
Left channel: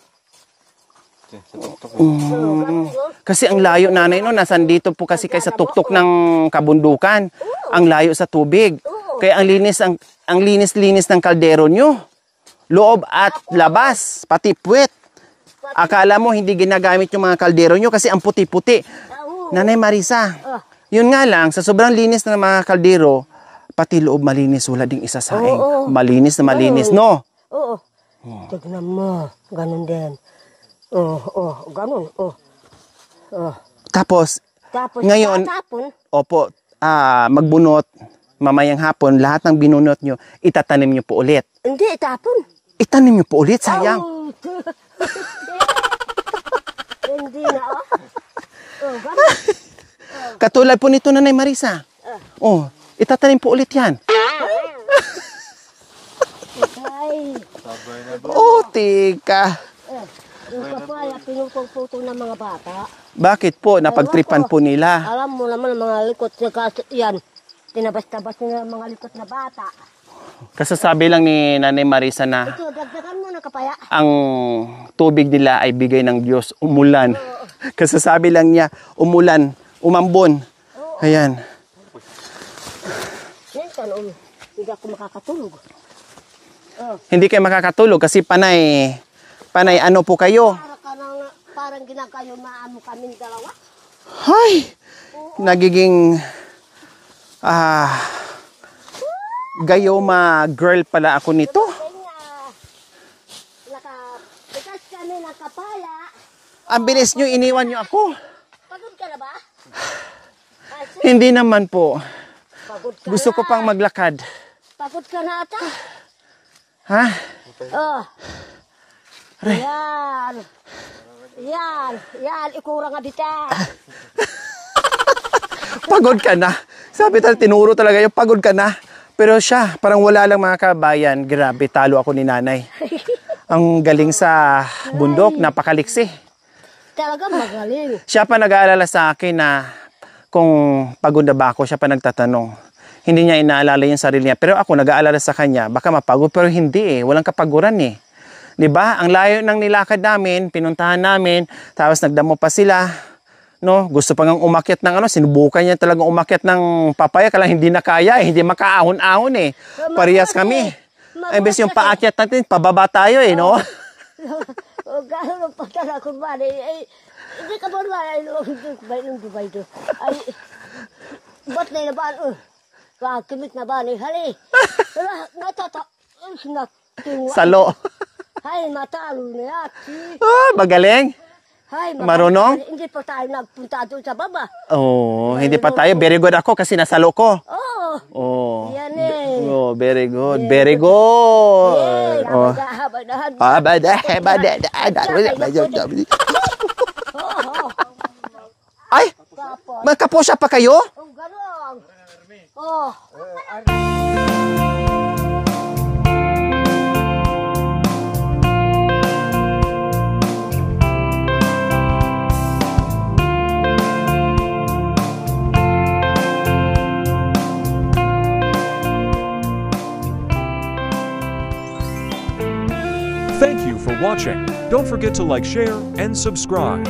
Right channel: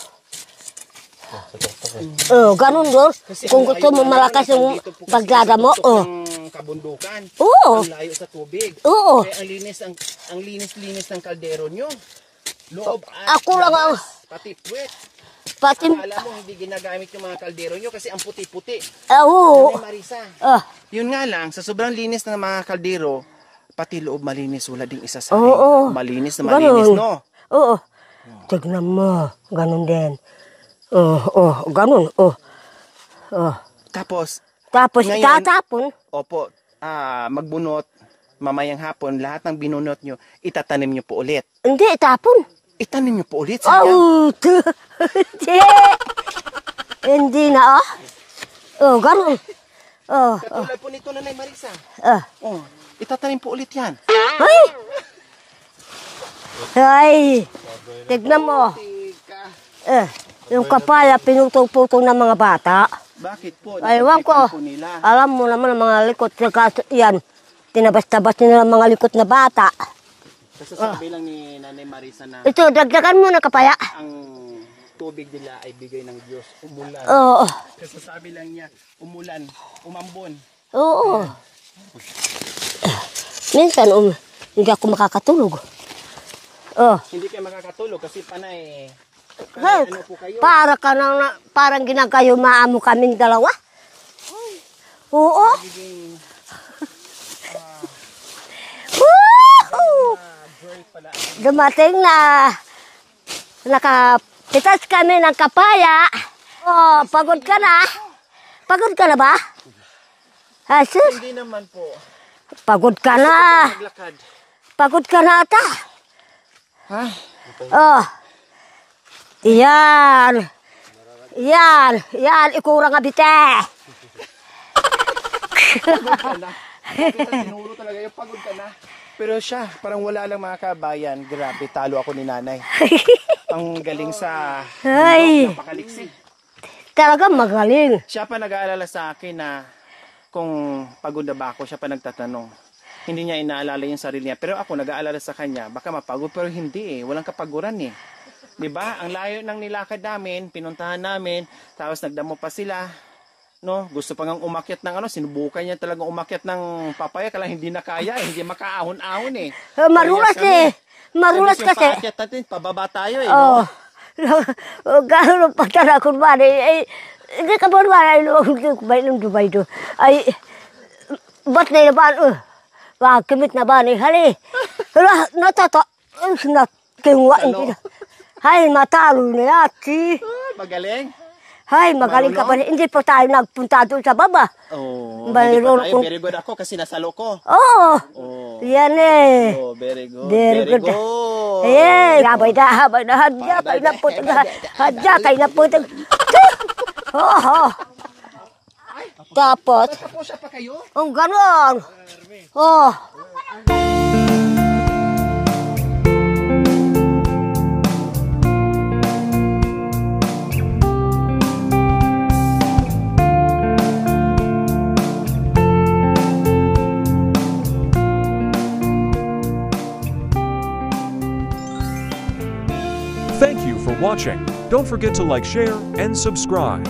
Ganun doon. Kasi ang layo nanay no, nasan dito po kasi kayo sa tuktok ng kabundukan. Oo. Ang layo sa tubig. Oo. Kaya ang linis ng kaldero nyo. Loob at Ako, labas, pati puwet. Pati, Akala mo hindi ginagamit yung mga kaldero nyo kasi ang puti-puti. Oo. Nanay Marisa, yun nga lang, sa sobrang linis ng mga kaldero, pati loob malinis, wala ding isasaing. Oo. Malinis na malinis, Ganun. no? Oo. Tignan mo. Ganun din. Ganun. Tapos, Tapos ngayon, tatapon. opo, magbunot, mamayang hapon, lahat ng binunot nyo, itatanim nyo po ulit. Hindi, itapon. Itanim niyo po ulit, sayang. Oh, hindi na, oh. Oh, ganun. Oh, Katulad po nito, Nanay Marisa. Oh, itatanim po ulit yan. ay, tignan mo. Oh, tika. Yung kapaya, pinutong-putong ng mga bata. Bakit po? Ay, Napagtripan wako. po nila. Alam mo naman ang mga likot. Yan, tinabas-tabas nila ang mga likot na bata. Kasasabi lang ni Nanay Marisa na Ito, dagdagan mo na kapaya. ang tubig nila ay bigay ng Diyos, umulan. Oo. Kasasabi lang niya, umulan, umambon. Oo. Ayan. Minsan, hindi ako makakatulog. Oh. Hindi kayo makakatulog kasi panay ano po kayo? Parang ginagayo maamo kaming dalawa. Hay! Oo. Nagiging gayoma girl pala ako nito. Dumating na nakapitas kami ng kapaya. Ang bilis niyo, pagod ka iniwan na? niyo ako. Pagod ka na ba? Asi, Hindi naman po. pagod ka Gusto na. ko pang maglakad. Pagod ka na ata. Ha? Oh. Yan. Yan, ikurang nga bite. Pagod ka na. Sabi talaga, tinuro talaga yung pagod ka na. Pero siya, parang wala lang mga kabayan. Grabe, talo ako ni nanay. Ang galing sa bundok, Ay. napakaliksi. Talaga magaling. Siya pa nag-aalala sa akin na kung pagod na ba ako, siya pa nagtatanong. Hindi niya inaalala yung sarili niya. Pero ako nag-aalala sa kanya, baka mapagod, pero hindi eh. Walang kapaguran eh. 'Di ba? Ang layo ng nilakad namin, pinuntahan namin, tapos nagdamo pa sila. No, gusto pa ngang umakyat ng ano, sinubukan niya talagang umakyat ng papaya, kala hindi na kaya eh, hindi makaahon-ahon eh. Parehas kami. Magulas yung kasi. paakyat natin, pababa tayo eh, no? Gano'n pa talaga kung ba hindi ka ba naman Dubai do. Ay, ba't na naman, kimit na ba ni hali? Nakiwa. Salo. Hay, matalo na yati. Magaling. Hay, magaling Marunong? ka pa rin. Hindi pa tayo nagpunta doon sa baba. Oh, Mayroon hindi pa tayo. kong- Very good ako kasi nasalo ko. Oo. Oh. Yan eh. Oh, very good. Very Very good. Eh, habay Oh. na, habay na. Habay na, habay na. Hadjakay na po. Oo. Ay, Tapos, magkaposya pa kayo? ang ganon. Oh. Thank you for watching. Don't forget to like, share, and subscribe.